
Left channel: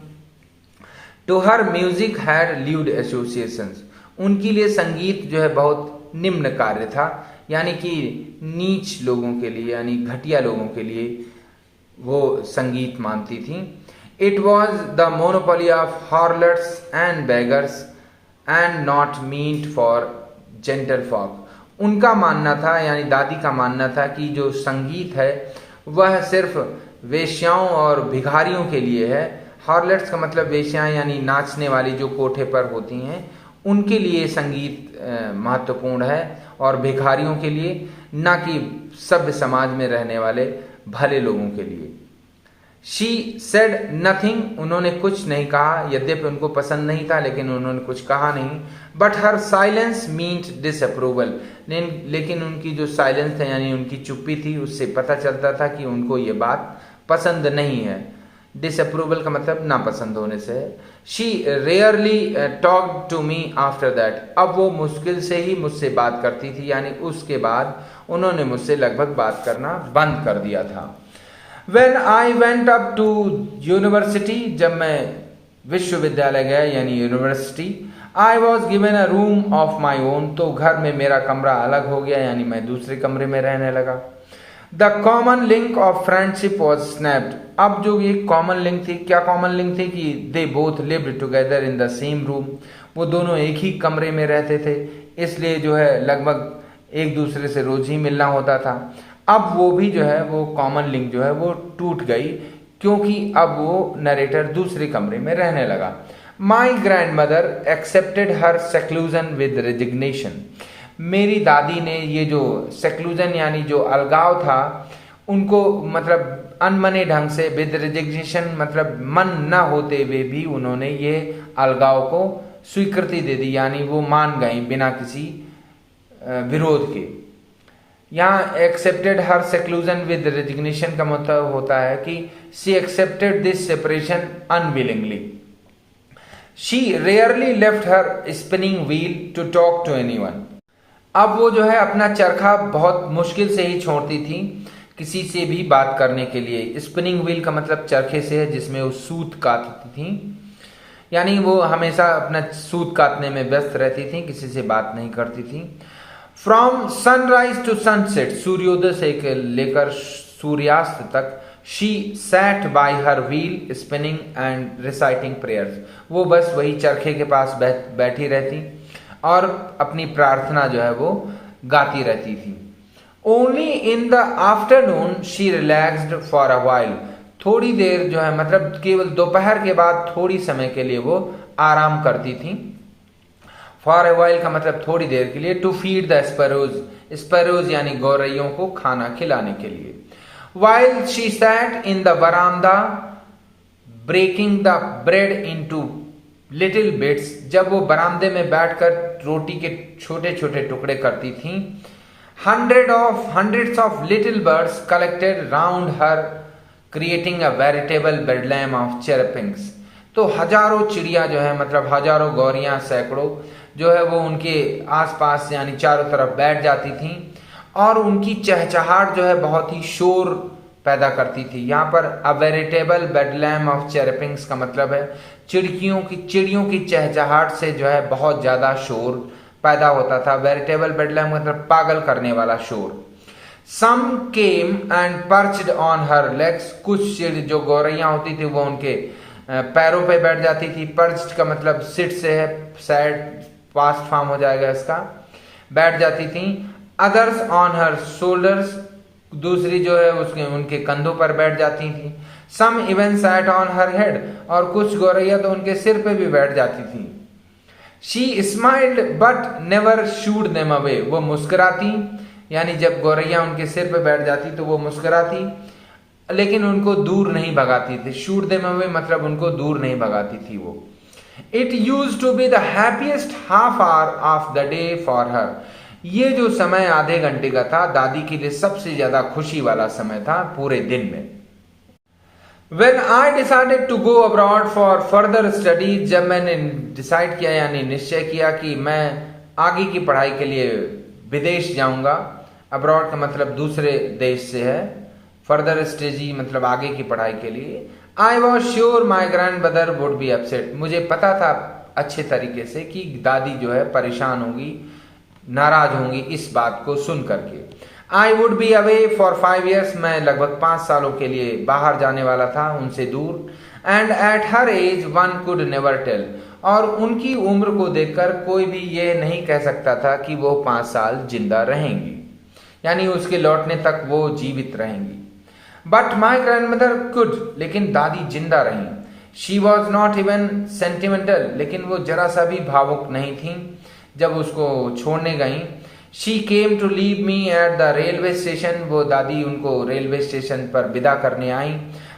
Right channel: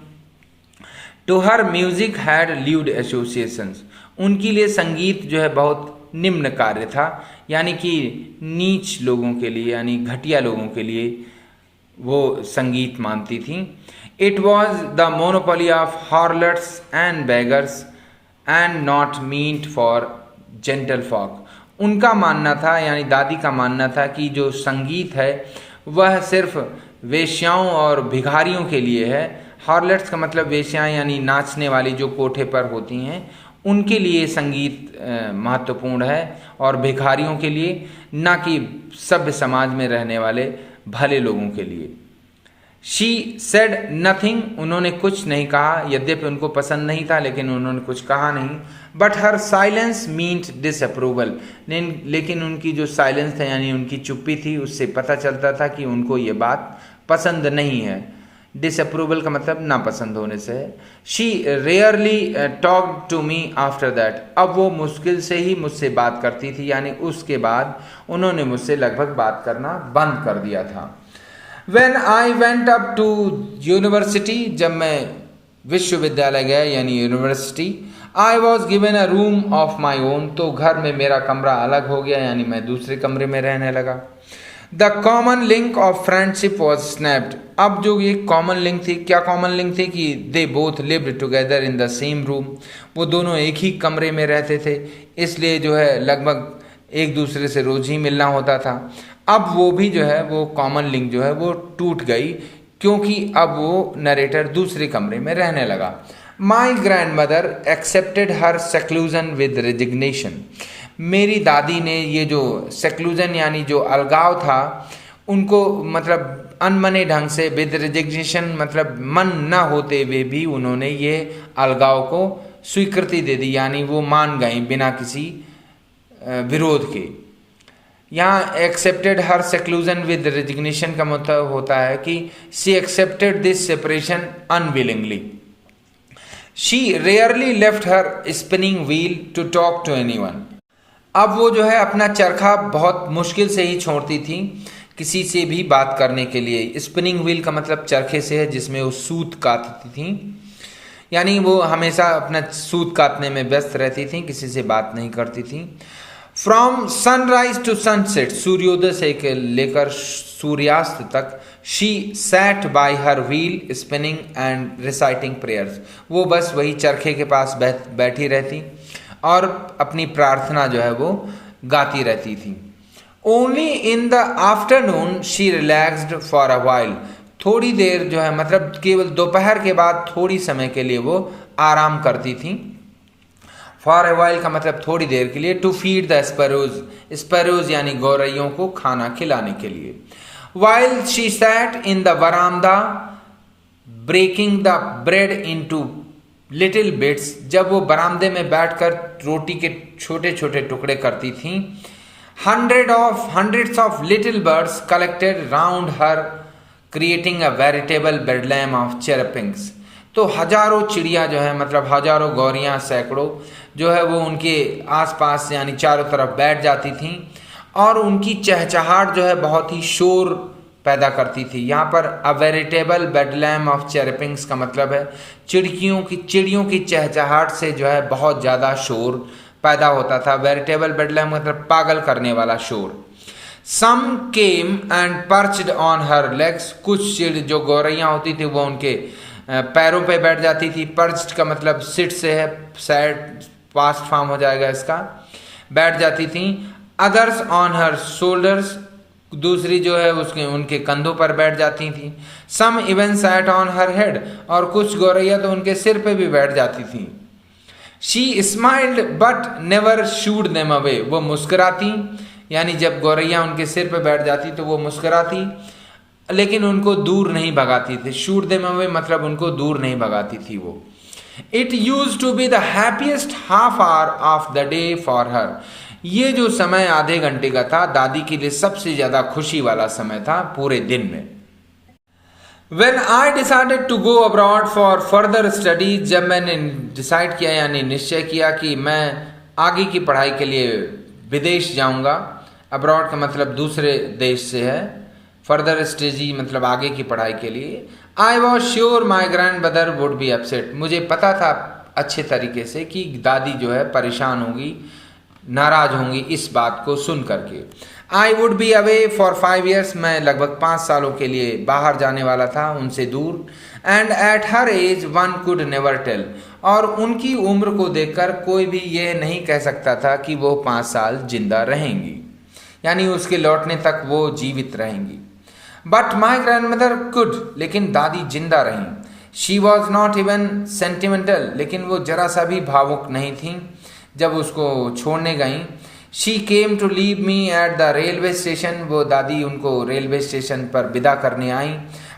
To her music had lewd associations, उनके लिए संगीत जो है बहुत निम्न कार्य था, यानी कि नीच लोगों के लिए यानी घटिया लोगों के लिए वो संगीत मानती थी। It was the monopoly of harlots and beggars and not meant for gentle folk. उनका मानना था, यानी दादी का मानना था, कि जो संगीत है वह सिर्फ वेश्याओं और भिखारियों के लिए है। हार्लट्स का मतलब वेश्याएं यानी नाचने वाली जो कोठे पर होती हैं, उनके लिए संगीत महत्वपूर्ण है, और भिखारियों के लिए, ना कि सभ्य समाज में रहने वाले भले लोगों के लिए। शी सेड नथिंग, उन्होंने कुछ नहीं कहा, यद्यपि उनको पसंद नहीं था लेकिन उन्होंने कुछ कहा नहीं। But her silence meant disapproval, लेकिन उनकी जो साइलेंस था यानी उनकी चुप्पी थी, उससे पता चलता था कि उनको ये बात पसंद नहीं है। डिसअप्रूवल का मतलब नापसंद होने से। She rarely talk to me after that, अब वो मुश्किल से ही मुझसे बात करती थी, यानी उसके बाद उन्होंने मुझसे लगभग बात करना बंद कर दिया था। When I went up to university, जब मैं विश्वविद्यालय गया यानी university, I was given a room of my own, तो घर में मेरा कमरा अलग हो गया, यानी मैं दूसरे कमरे में रहने लगा। The common link of friendship was snapped, अब जो ये कॉमन लिंक थी, क्या कॉमन लिंक थी कि they both lived together in the same room, वो दोनों एक ही कमरे में रहते थे, इसलिए जो है लगभग एक दूसरे से रोज ही मिलना होता था। अब वो भी जो है वो कॉमन लिंक जो है वो टूट गई, क्योंकि अब वो नरेटर दूसरे कमरे में रहने लगा। My grand mother accepted her seclusion with resignation, मेरी दादी ने ये जो सेक्लूजन यानी जो अलगाव था उनको मतलब अनमने ढंग से, विद रेजिग्नेशन मतलब मन न होते हुए भी उन्होंने ये अलगाव को स्वीकृति दे दी, यानी वो मान गई बिना किसी विरोध के। यहाँ accepted her seclusion with resignation का मतलब होता है कि she accepted this separation unwillingly. She rarely left her spinning wheel to talk to anyone, अब वो जो है अपना चरखा बहुत मुश्किल से ही छोड़ती थी किसी से भी बात करने के लिए। स्पिनिंग व्हील का मतलब चरखे से है जिसमें वो सूत काटती थी, यानी वो हमेशा अपना सूत काटने में व्यस्त रहती थी, किसी से बात नहीं करती थी। फ्रॉम सनराइज टू सनसेट, सूर्योदय से लेकर सूर्यास्त तक, she set bye her wheel spinning and reciting prayers, वो बस वही चरखे के पास बैठी रहती और अपनी प्रार्थना जो है वो गाती रहती थी। Only in the afternoon she relaxed for a while, थोड़ी देर जो है मतलब केवल दोपहर के बाद थोड़ी समय के लिए वो आराम करती थी। फॉर अ व्हाइल का मतलब थोड़ी देर के लिए। To feed the sparrows, sparrows यानी गौरैयों को खाना खिलाने के लिए। While she sat in the verandah breaking the bread into little bits, जब वो बरामदे में बैठकर रोटी के छोटे छोटे टुकड़े करती थीं. Hundreds of little birds collected round her, creating a veritable bedlam of chirpings. तो हजारों चिड़िया जो है, मतलब हजारों गौरियां, सैकड़ों जो है वो उनके आसपास यानी चारों तरफ बैठ जाती थीं और उनकी चहचहाट जो है बहुत ही शोर पैदा करती थी. यहाँ पर अ वेरिटेबल बेडलैम ऑफ चेरपिंग्स का मतलब है चिड़ियों की चहचहाट से जो है बहुत ज़्यादा शोर पैदा होता था. वेरिटेबल बेडलैम मतलब पागल करने वाला शोर. Some came and perched on her legs, कुछ चिड़ जो गौरैया होती थी वो उनके पैरों पे बैठ जाती थी. पर्च्ड का मतलब सिट से है, सैड पास्ट फॉर्म हो जाएगा इसका, बैठ जाती थी. अदर्स ऑन हर शोल्डर्स, दूसरी जो है उसके उनके कंधों पर बैठ जाती थी. Some even sat on her head, और कुछ गौरैया तो उनके सिर पे भी बैठ जाती थी. She smiled but never should them away, वो मुस्कुराती, यानी जब गौरैया उनके सिर पे बैठ जाती तो वो मुस्कुराती लेकिन उनको दूर नहीं भगाती थी. शूड देम अवे मतलब उनको दूर नहीं भगाती थी वो. It used to be the happiest half hour of the day for her, ये जो समय आधे घंटे का था दादी के लिए सबसे ज्यादा खुशी वाला समय था पूरे दिन में. When I decided to go abroad for further studies, जब मैंने डिसाइड किया यानी निश्चय किया कि मैं आगे की पढ़ाई के लिए विदेश जाऊंगा. अब्रॉड का मतलब दूसरे देश से है. फर्दर स्टडी मतलब आगे की पढ़ाई के लिए. I was sure my grandmother would be upset, मुझे पता था अच्छे तरीके से कि दादी जो है परेशान होगी, नाराज होंगी इस बात को सुन करके. I would be away for 5 years, मैं लगभग 5 सालों के लिए बाहर जाने वाला था उनसे दूर. And at her age one could never tell, और उनकी उम्र को देखकर कोई भी ये नहीं कह सकता था कि वो 5 साल जिंदा रहेंगी, यानी उसके लौटने तक वो जीवित रहेंगी. But my grand mother could, लेकिन दादी जिंदा रहीं. She was not even sentimental, लेकिन वो जरा सा भी भावुक नहीं थी जब उसको छोड़ने गई. She came to leave me at the railway station, वो दादी उनको रेलवे स्टेशन पर विदा करने आई.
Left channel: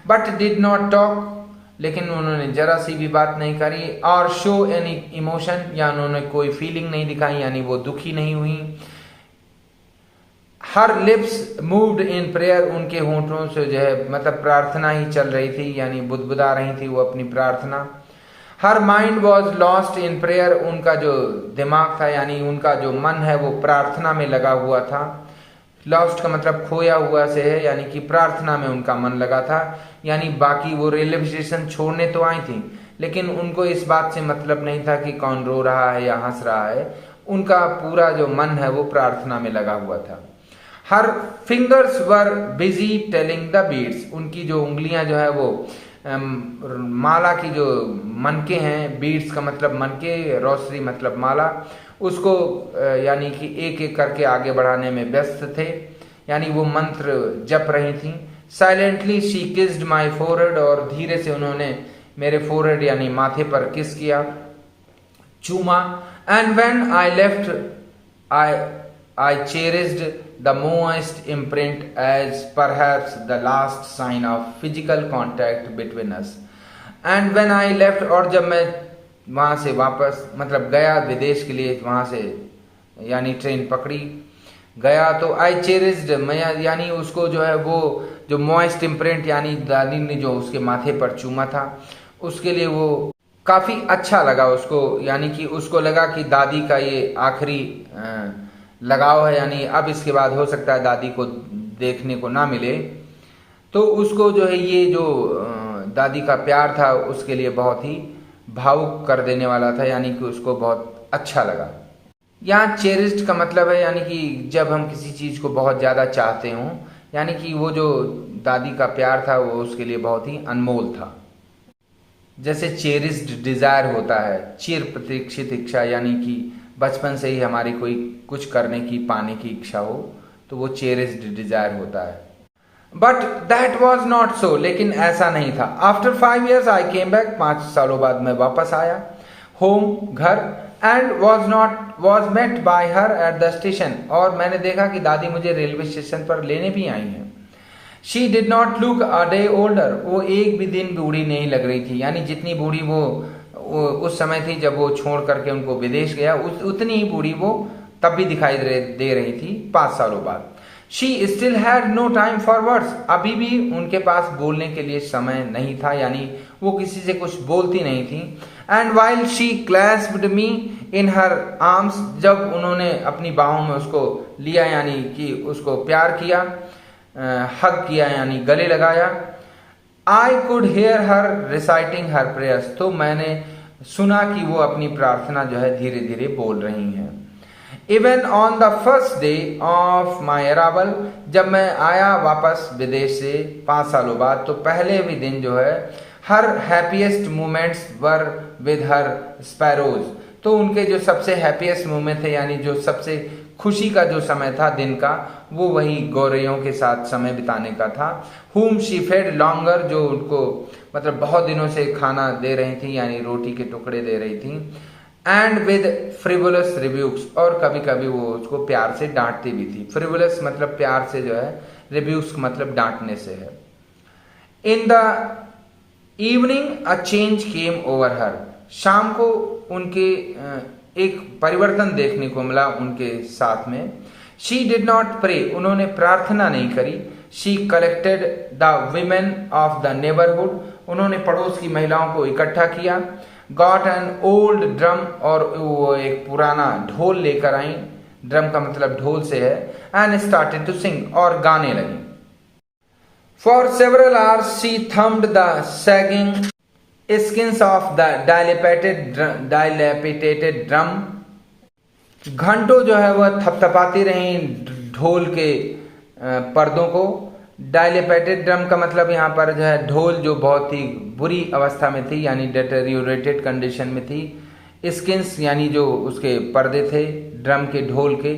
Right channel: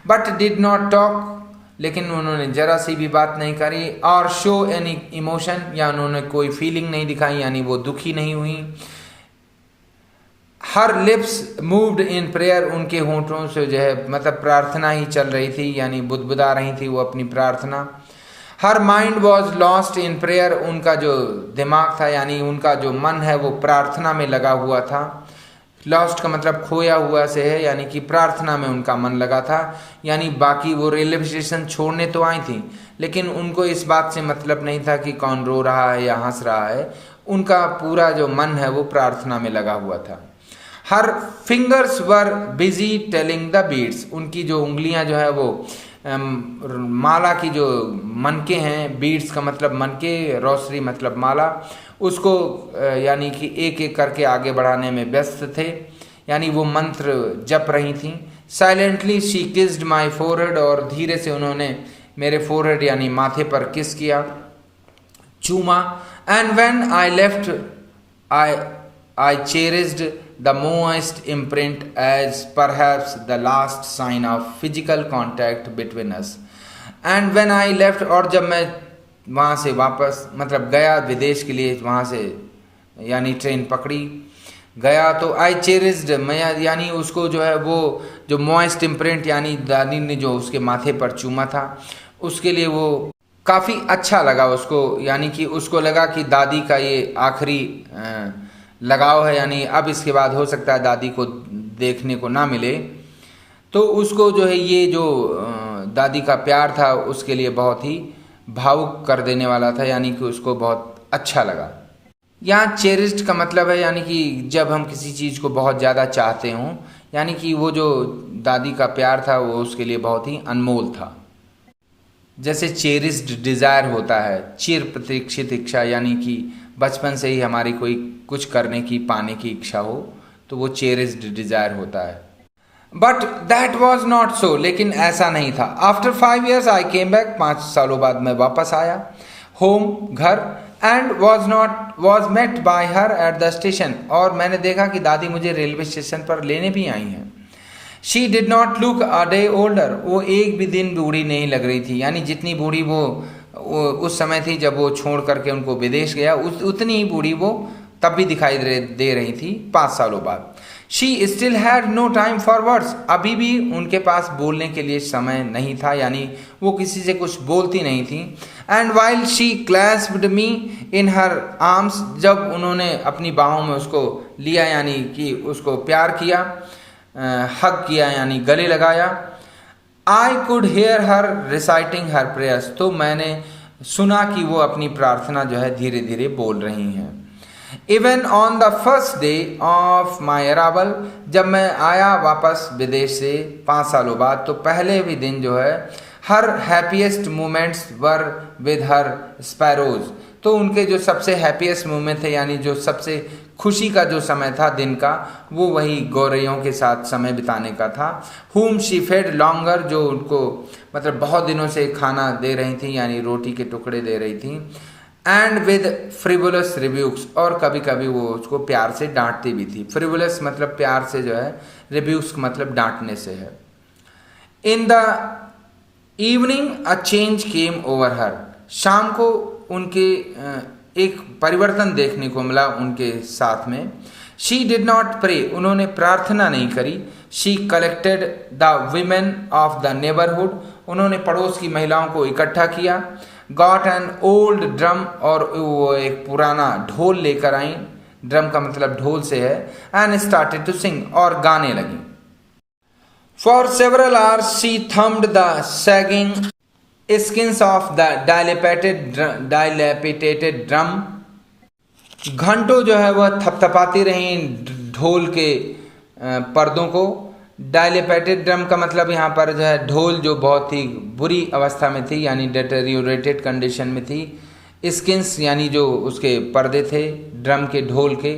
बट डिड नॉट टॉक, लेकिन उन्होंने जरा सी भी बात नहीं करी. और शो एनी इमोशन, या उन्होंने कोई फीलिंग नहीं दिखाई, यानी वो दुखी नहीं हुई. हर लिप्स मूव्ड इन प्रेयर, उनके होंठों से जो है मतलब प्रार्थना ही चल रही थी, यानी बुदबुदा रही थी वो अपनी प्रार्थना. Her mind was lost in prayer, उनका जो दिमाग था यानी उनका जो मन है वो प्रार्थना में लगा हुआ था. लॉस्ट का मतलब खोया हुआ से है, यानी कि प्रार्थना में उनका मन लगा था. यानी बाकी वो रेलवे स्टेशन छोड़ने तो आई थी लेकिन उनको इस बात से मतलब नहीं था कि कौन रो रहा है या हंस रहा है. उनका पूरा जो मन है वो प्रार्थना में लगा हुआ था. Her fingers were busy telling the beads, उनकी जो उंगलियां जो है वो माला की जो मनके हैं, बीड्स का मतलब मनके, रोसरी मतलब माला, उसको यानी कि एक एक करके आगे बढ़ाने में व्यस्त थे, यानी वो मंत्र जप रही थी. Silently she kissed my forehead, और धीरे से उन्होंने मेरे फोरहेड यानी माथे पर किस किया, चूमा. And when I left I cherished the moist imprint as perhaps the last sign of physical contact between us. And when I left, और जब मैं वहाँ से वापस मतलब गया विदेश के लिए, वहाँ से यानी ट्रेन पकड़ी गया, तो I cherished, मैं यानी उसको जो है वो जो moist imprint यानी दादी ने जो उसके माथे पर चूमा था, उसके लिए वो काफ़ी अच्छा लगा उसको, यानी कि उसको लगा कि दादी का ये आखिरी लगाव है, यानी अब इसके बाद हो सकता है दादी को देखने को ना मिले. तो उसको जो है ये जो दादी का प्यार था उसके लिए बहुत ही भावुक कर देने वाला था, यानी कि उसको बहुत अच्छा लगा. यहाँ चेरिस्ड का मतलब है यानी कि जब हम किसी चीज़ को बहुत ज़्यादा चाहते हों, यानी कि वो जो दादी का प्यार था वो उसके लिए बहुत ही अनमोल था. जैसे चेरिस्ड डिज़ायर होता है, चिर प्रतीक्षित इच्छा, यानी कि बचपन से ही हमारी कोई कुछ करने की पाने की इच्छा हो तो वो चेरिस्ड डिजायर होता है. But that was not so, लेकिन ऐसा नहीं था. After 5 years I came back, 5 सालों बाद मैं वापस आया होम, घर. And was met by her at the station, और मैंने देखा कि दादी मुझे रेलवे स्टेशन पर लेने भी आई हैं. She did not look a day older, वो एक भी दिन बूढ़ी नहीं लग रही थी, यानी जितनी बूढ़ी वो उस समय थी जब वो छोड़ करके उनको विदेश गया, उतनी ही बूढ़ी वो तब भी दिखाई दे रही थी 5 सालों बाद। She still had no time for words, अभी भी उनके पास बोलने के लिए समय नहीं था, यानी वो किसी से कुछ बोलती नहीं थी। And while she clasped me in her arms, जब उन्होंने अपनी बाहों में उसको लिया यानी कि उसको प्यार किया, हग किया यानी गले लगाया। I could hair her reciting her prayers, तो मैंने सुना कि वो अपनी प्रार्थना जो है धीरे धीरे बोल रही हैं। Even on the first day of my arrival, जब मैं आया वापस विदेश से 5 सालों बाद, तो पहले भी दिन जो है her happiest moments were with her sparrows, तो उनके जो सबसे हैप्पीएस्ट मोमेंट थे यानी जो सबसे खुशी का जो समय था दिन का, वो वही गौरैयों के साथ समय बिताने का था। whom she fed longer, जो उनको मतलब बहुत दिनों से खाना दे रही थी यानी रोटी के टुकड़े दे रही थी। एंड विद फ्रिवुलस रिब्यूक्स, और कभी कभी वो उसको प्यार से डांटती भी थी। फ्रिवुलस मतलब प्यार से जो है, रिब्यूक्स मतलब डांटने से है। In the evening a change came over हर, शाम को उनके एक परिवर्तन देखने को मिला उनके साथ में। शी डिड नॉट प्रे, उन्होंने प्रार्थना नहीं करी। She collected the women of the neighbourhood, उन्होंने पड़ोस की महिलाओं को इकट्ठा किया। गॉट एन ओल्ड ड्रम, और वो एक पुराना ढोल लेकर आई, ड्रम का मतलब ढोल से है। एंड स्टार्टेड टू सिंग, और गाने लगी। For several hours she thumbed the sagging skins of the dilapidated drum, घंटों जो है वह थपथपाती रही ढोल के पर्दों को। डायलेपेटेड ड्रम का मतलब यहाँ पर जो है ढोल जो बहुत ही बुरी अवस्था में थी यानी डेटेरियोरेटेड कंडीशन में थी। स्किन्स यानी जो उसके पर्दे थे ड्रम के, ढोल के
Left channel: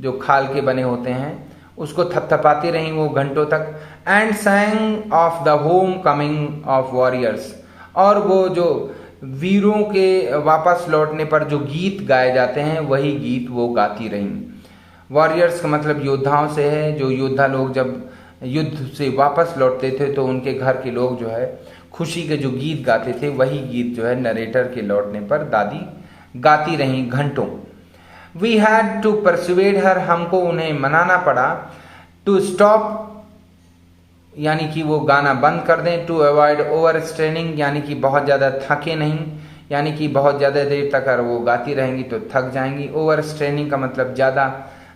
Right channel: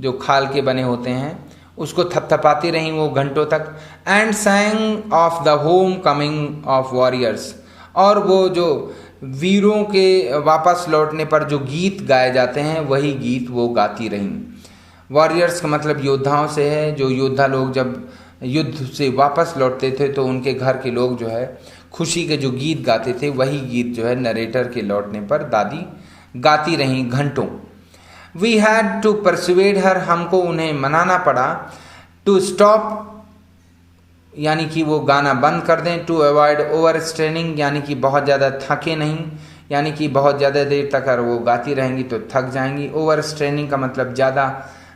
जो खाल के बने होते हैं, उसको थपथपाती रही वो घंटों तक। And सैंग of the home coming of warriors, और वो जो वीरों के वापस लौटने पर जो गीत गाए जाते हैं वही गीत वो गाती रहीं। वॉरियर्स का मतलब योद्धाओं से है, जो योद्धा लोग जब युद्ध से वापस लौटते थे तो उनके घर के लोग जो है खुशी के जो गीत गाते थे वही गीत जो है नरेटर के लौटने पर दादी गाती रहीं घंटों। वी हैड टू परसुएड हर, हमको उन्हें मनाना पड़ा। टू स्टॉप यानी कि वो गाना बंद कर दें। टू अवॉइड ओवर स्ट्रेनिंग यानी कि बहुत ज़्यादा थके नहीं, यानी कि बहुत ज़्यादा देर तक अगर वो गाती रहेंगी तो थक जाएंगी। ओवर स्ट्रेनिंग का मतलब ज़्यादा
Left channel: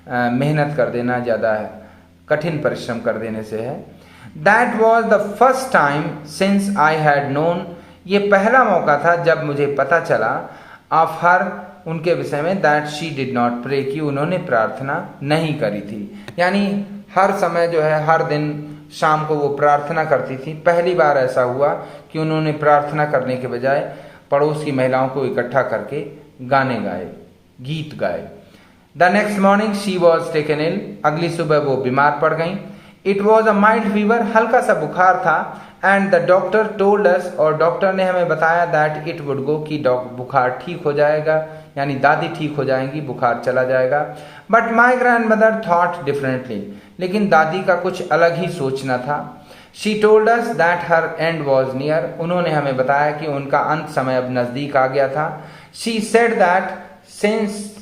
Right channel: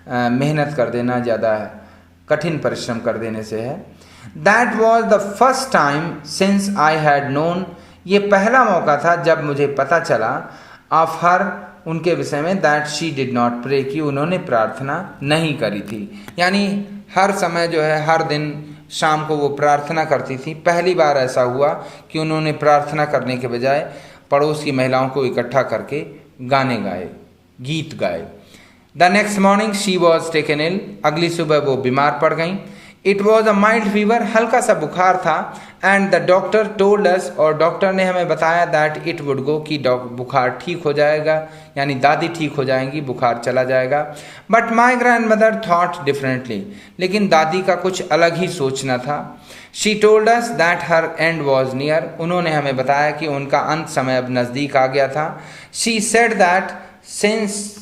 मेहनत कर देना, ज़्यादा कठिन परिश्रम कर देने से है। That was the first time since I had known, ये पहला मौका था जब मुझे पता चला ऑफ हर, उनके विषय में। That she did not pray, कि उन्होंने प्रार्थना नहीं करी थी, यानी हर समय जो है हर दिन शाम को वो प्रार्थना करती थी। पहली बार ऐसा हुआ कि उन्होंने प्रार्थना करने के बजाय पड़ोस की महिलाओं को इकट्ठा करके गाने गाए, गीत गाए। The next morning she was taken ill, अगली सुबह वो बीमार पड़ गई। It was a mild fever, हल्का सा बुखार था। And the doctor told us, और डॉक्टर ने हमें बताया दैट इट वुड गो, कि बुखार ठीक हो जाएगा, यानी दादी ठीक हो जाएंगी, बुखार चला जाएगा। But my grand mother thought differently, लेकिन दादी का कुछ अलग ही सोचना था। She told us that her and was near, उन्होंने हमें बताया कि उनका अंत समय अब नज़दीक आ गया था। She said that since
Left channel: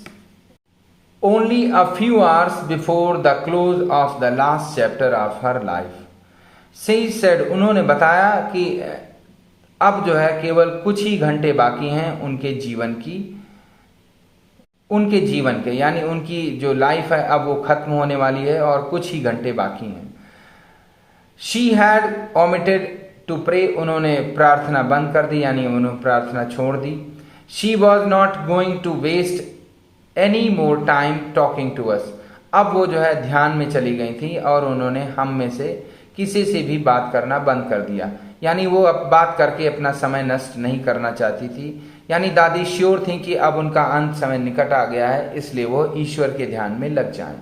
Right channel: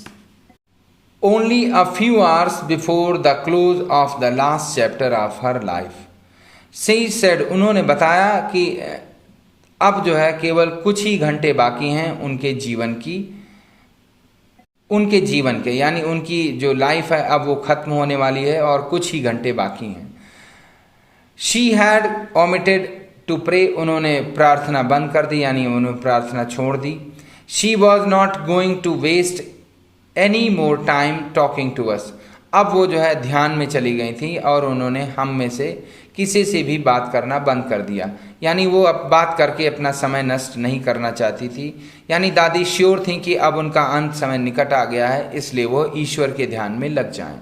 only a few hours before the close of the last chapter of her life. She said, उन्होंने बताया कि अब जो है केवल कुछ ही घंटे बाकी हैं उनके जीवन के, यानी उनकी जो लाइफ है अब वो खत्म होने वाली है और कुछ ही घंटे बाकी हैं। She had omitted to pray, उन्होंने प्रार्थना बंद कर दी, यानी उन्होंने प्रार्थना छोड़ दी। She was not going to waste any more time talking to us, अब वो जो है ध्यान में चली गई थी और उन्होंने हम में से किसी से भी बात करना बंद कर दिया, यानी वो अब बात करके अपना समय नष्ट नहीं करना चाहती थी। यानी दादी श्योर थी कि अब उनका अंत समय निकट आ गया है, इसलिए वो ईश्वर के ध्यान में लग जाएं।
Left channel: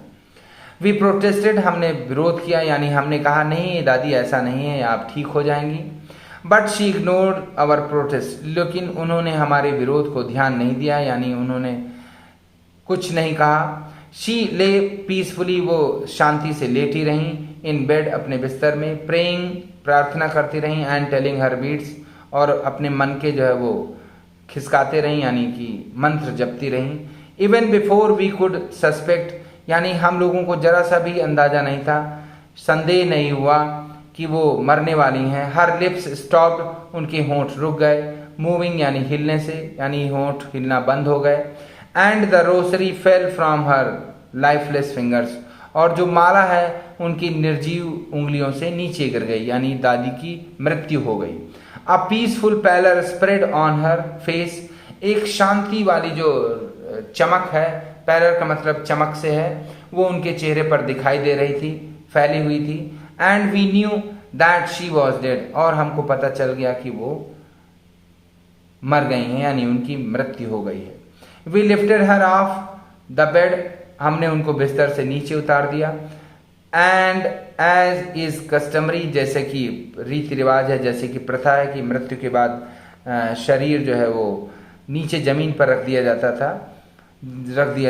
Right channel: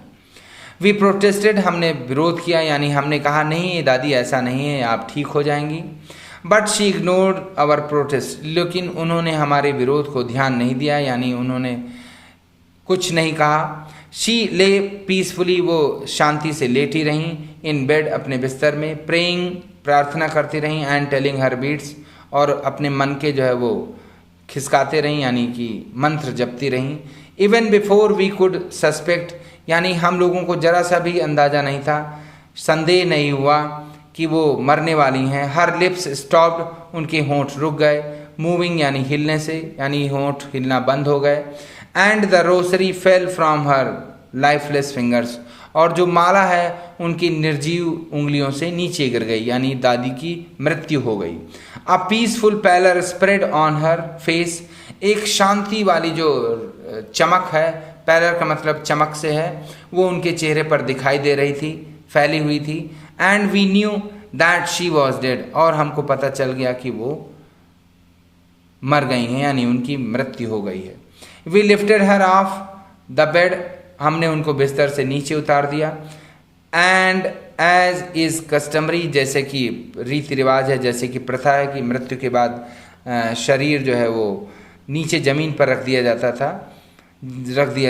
वी प्रोटेस्टेड, हमने विरोध किया, यानी हमने कहा नहीं दादी ऐसा नहीं है, आप ठीक हो जाएंगी। But she ignored our protest, लेकिन उन्होंने हमारे विरोध को ध्यान नहीं दिया, यानी उन्होंने कुछ नहीं कहा। शी ले पीसफुली, वो शांति से लेटी रहीं, इन बेड अपने बिस्तर में, प्रेइंग प्रार्थना करती रहीं, एंड टेलिंग हर बीट्स, और अपने मन के जो है वो खिसकाते रहीं यानी कि मंत्र जपती रहीं। Even before we could suspect, यानी हम लोगों को जरा सा भी अंदाज़ा नहीं था, संदेह नहीं हुआ कि वो मरने वाली हैं। हर लिप्स स्टॉप्ड, उनके होंठ रुक गए। मूविंग यानी हिलने से, यानी होंठ हिलना बंद हो गए। And the Rossari fell from her lifeless fingers, और जो माला है उनकी निर्जीव उंगलियों से नीचे गिर गई, यानी दादी की मृत्यु हो गई। A peaceful pallor spread on her face, एक शांति वाली जो चमक है, पैलर का मतलब चमक से है, वो उनके चेहरे पर दिखाई दे रही थी, फैली हुई थी। And we knew that she was dead, और हमको पता चल गया कि वो मर गई हैं, यानी उनकी मृत्यु हो गई है। We lifted her off the bed, हमने उनको बिस्तर से नीचे उतार दिया। एंड एज इज कस्टमरी, जैसे कि रीति रिवाज है, जैसे कि प्रथा है कि मृत्यु के बाद शरीर जो है वो नीचे जमीन पर रख दिया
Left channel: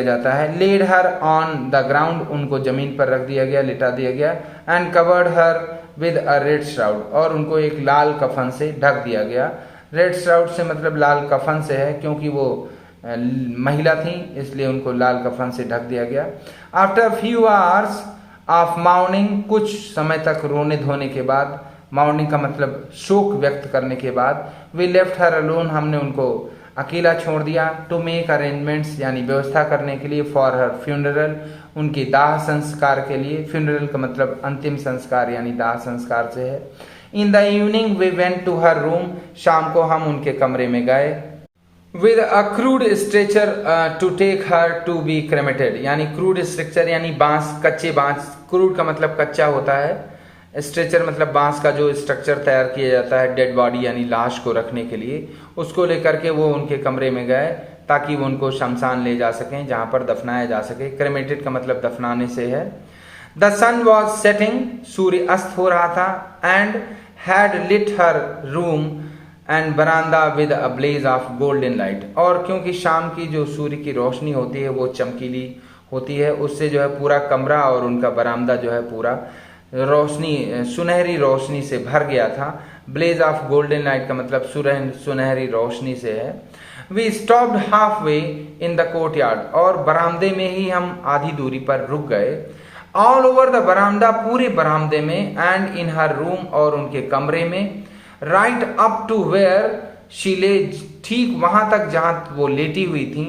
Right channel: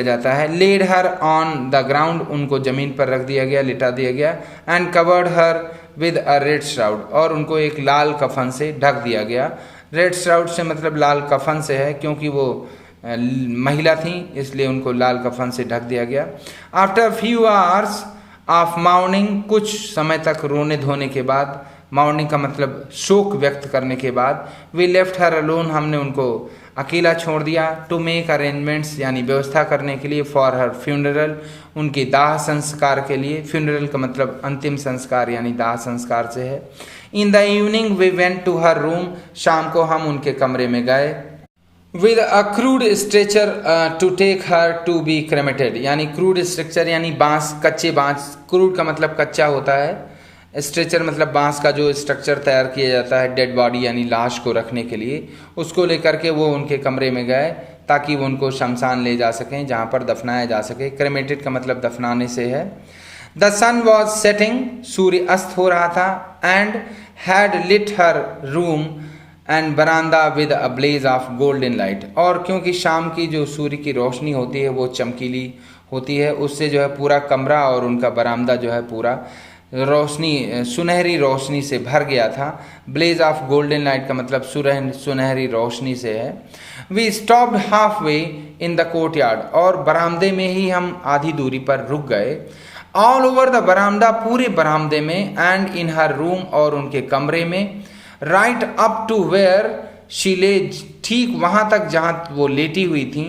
जाता है। Laid her on the ground, उनको जमीन पर रख दिया गया, लिटा दिया गया। And covered her with a red shroud, और उनको एक लाल कफन से ढक दिया गया। रेड श्राउड से मतलब लाल कफन से है, क्योंकि वो महिला थी इसलिए उनको लाल कफन से ढक दिया गया। After few hours of morning, कुछ समय तक रोने धोने के बाद, मार्निंग का मतलब शोक व्यक्त करने के बाद, वी लेफ्ट हर अलोन, हमने उनको अकेला छोड़ दिया। टू मेक अरेंजमेंट्स, यानी व्यवस्था करने के लिए, फॉर हर फ्यूनरल, उनके दाह संस्कार के लिए। फ्यूनरल का मतलब अंतिम संस्कार, यानी दाह संस्कार से है। In the evening we went to her room, शाम को हम उनके कमरे में गए। With a crude stretcher to take her to be cremated, यानी क्रूड स्ट्रक्चर यानी बांस, कच्चे बांस, क्रूड का मतलब कच्चा होता है, स्ट्रेचर मतलब बांस का जो स्ट्रक्चर तैयार किया जाता है डेड बॉडी यानी लाश को रखने के लिए, उसको लेकर के वो उनके कमरे में गए ताकि वो उनको शमशान ले जा सकें, जहाँ पर दफनाया जा सके। क्रेमेटेड का मतलब दफनाने से है। द सन वॉज सेटिंग, सूर्य अस्त हो रहा था। And had lit her room and baramda with a blaze of golden light, और क्योंकि शाम की जो सूर्य की रोशनी होती है वो चमकीली होती है, उससे जो है पूरा कमरा और उनका बरामदा जो है पूरा रोशनी, सुनहरी रोशनी से भर गया था। ब्लेज ऑफ गोल्डन लाइट का मतलब सुनहरी रोशनी से है। We stopped halfway in the courtyard, और बरामदे में ही हम आधी दूरी पर रुक गए। ऑल ओवर द बरामदा, पूरे बरामदे में। एंड इन हर रूम, और उनके कमरे में। Right up to where she lay, ठीक वहां तक जहां वो लेटी हुई थी।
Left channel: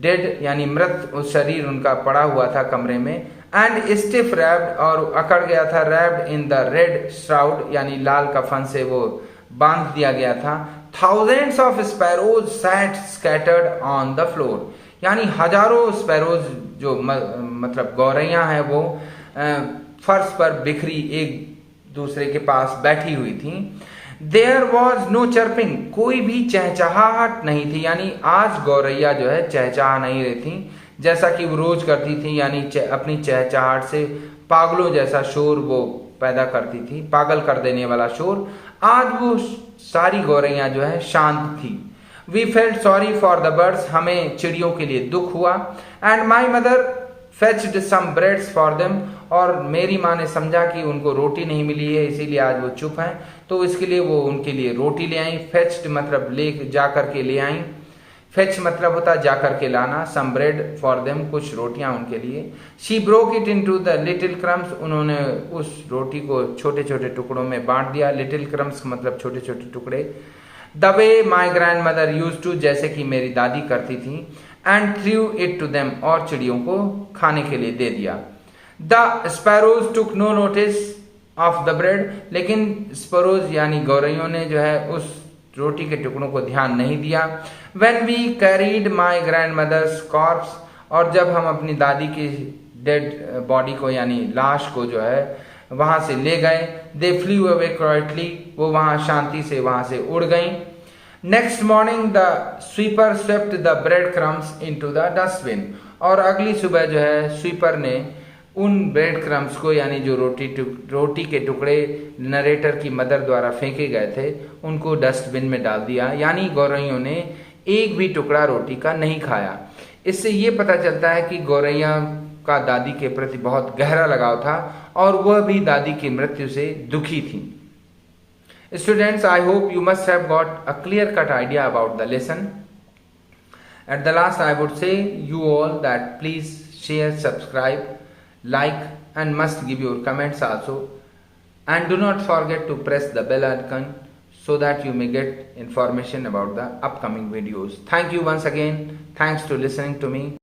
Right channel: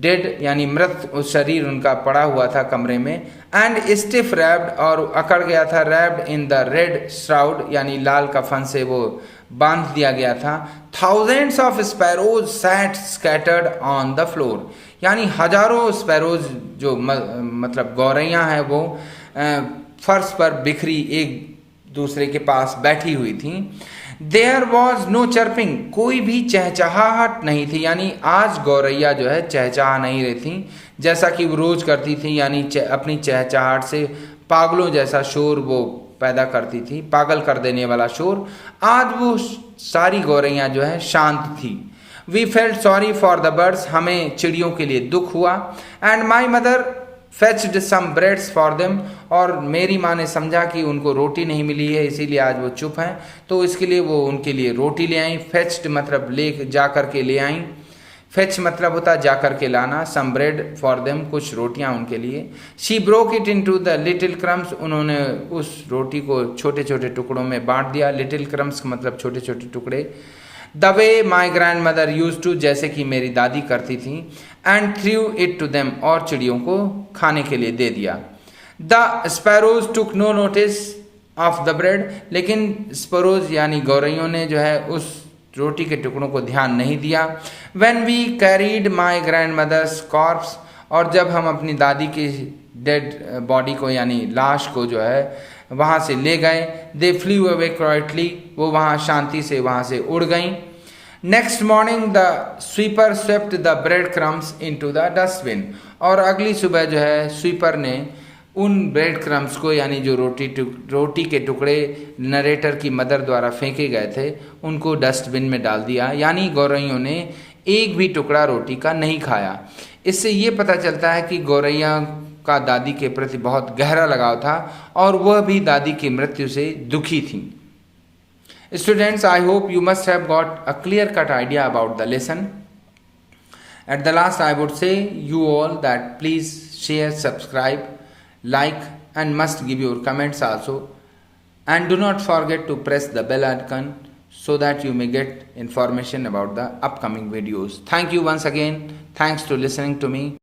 डेड यानी मृत शरीर उनका पड़ा हुआ था कमरे में। एंड स्टिफ रैप्ड, और अकड़ गया था। Wrapped in the red shroud, यानी लाल कफन से वो बांध दिया गया था। Thousands of sparrows sat scattered on the floor, यानी हजारों स्पैरोज जो मतलब गौरैया हैं वो फर्श पर बिखरी एक दूसरे के पास बैठी हुई थी। देयर वॉज नो चर्पिंग, कोई भी चहचहाहट नहीं थी, यानी आज गौरैया जो है चहचहा नहीं रही थी जैसा कि वो रोज करती थी, यानी अपनी चहचहाहट से पागलों जैसा शोर वो पैदा करती थी, पागल कर देने वाला शोर। आज वो सारी गौरैया जो है शांत थी। We felt sorry for the birds, हमें चिड़ियों के लिए दुख हुआ। And my mother fetched some breads for them, और मेरी माँ ने समझा कि उनको रोटी नहीं मिली है इसीलिए आज वो चुप हैं, तो इसके लिए वो उनके लिए रोटी ले आई। फेच्ड मतलब ले जा कर के ले आई, फेच मतलब होता है जा कर के लाना। सम ब्रेड फॉर देम, कुछ रोटियां उनके लिए। She broke it into the little crumbs, उन्होंने उस रोटी को छोटे छोटे टुकड़ों में बांट दिया। लिटिल क्रम्स मतलब छोटे छोटे टुकड़े। The way my grandmother used to, जैसे कि मेरी दादी करती थी। And threw it to them, और चिड़ियों को खाने के लिए दे दिया। The sparrows took no notice of the bread, लेकिन स्पैरोज यानी गौरैयों ने जो है उस रोटी के टुकड़ों को ध्यान नहीं दिया। When we carried my grandmother's corpse, और जब हम अपनी दादी की डेड बॉडी को यानी लाश को जो है वहाँ से ले गए। दे फ्लू अवे क्वाइटली, वो वहाँ शांति से वहाँ से उड़ गई। Next morning the sweeper swept the bread crumbs into the dustbin, और अगली सुबह जो है स्वीपर ने उन ब्रेड क्रम्स को यानी जो रोटी के टुकड़े नरेटर की मदर द्वारा फेंके गए थे उनको डस्टबिन में डाल दिया, यानी गौरैयों ने एक भी टुकड़ा रोटी का नहीं खाया। इससे ये पता चलता है कि गौरैया का दादी के प्रति बहुत गहरा लगाव था और वह भी दादी की मृत्यु से दुखी थी। Students, I hope you must have got a clear-cut idea about the lesson. At the last, I would say you all that please share, subscribe, like, and must give your comments also. And do not forget to press the bell icon so that you may get information about the upcoming videos. Thank you once again. Thanks to listening to me.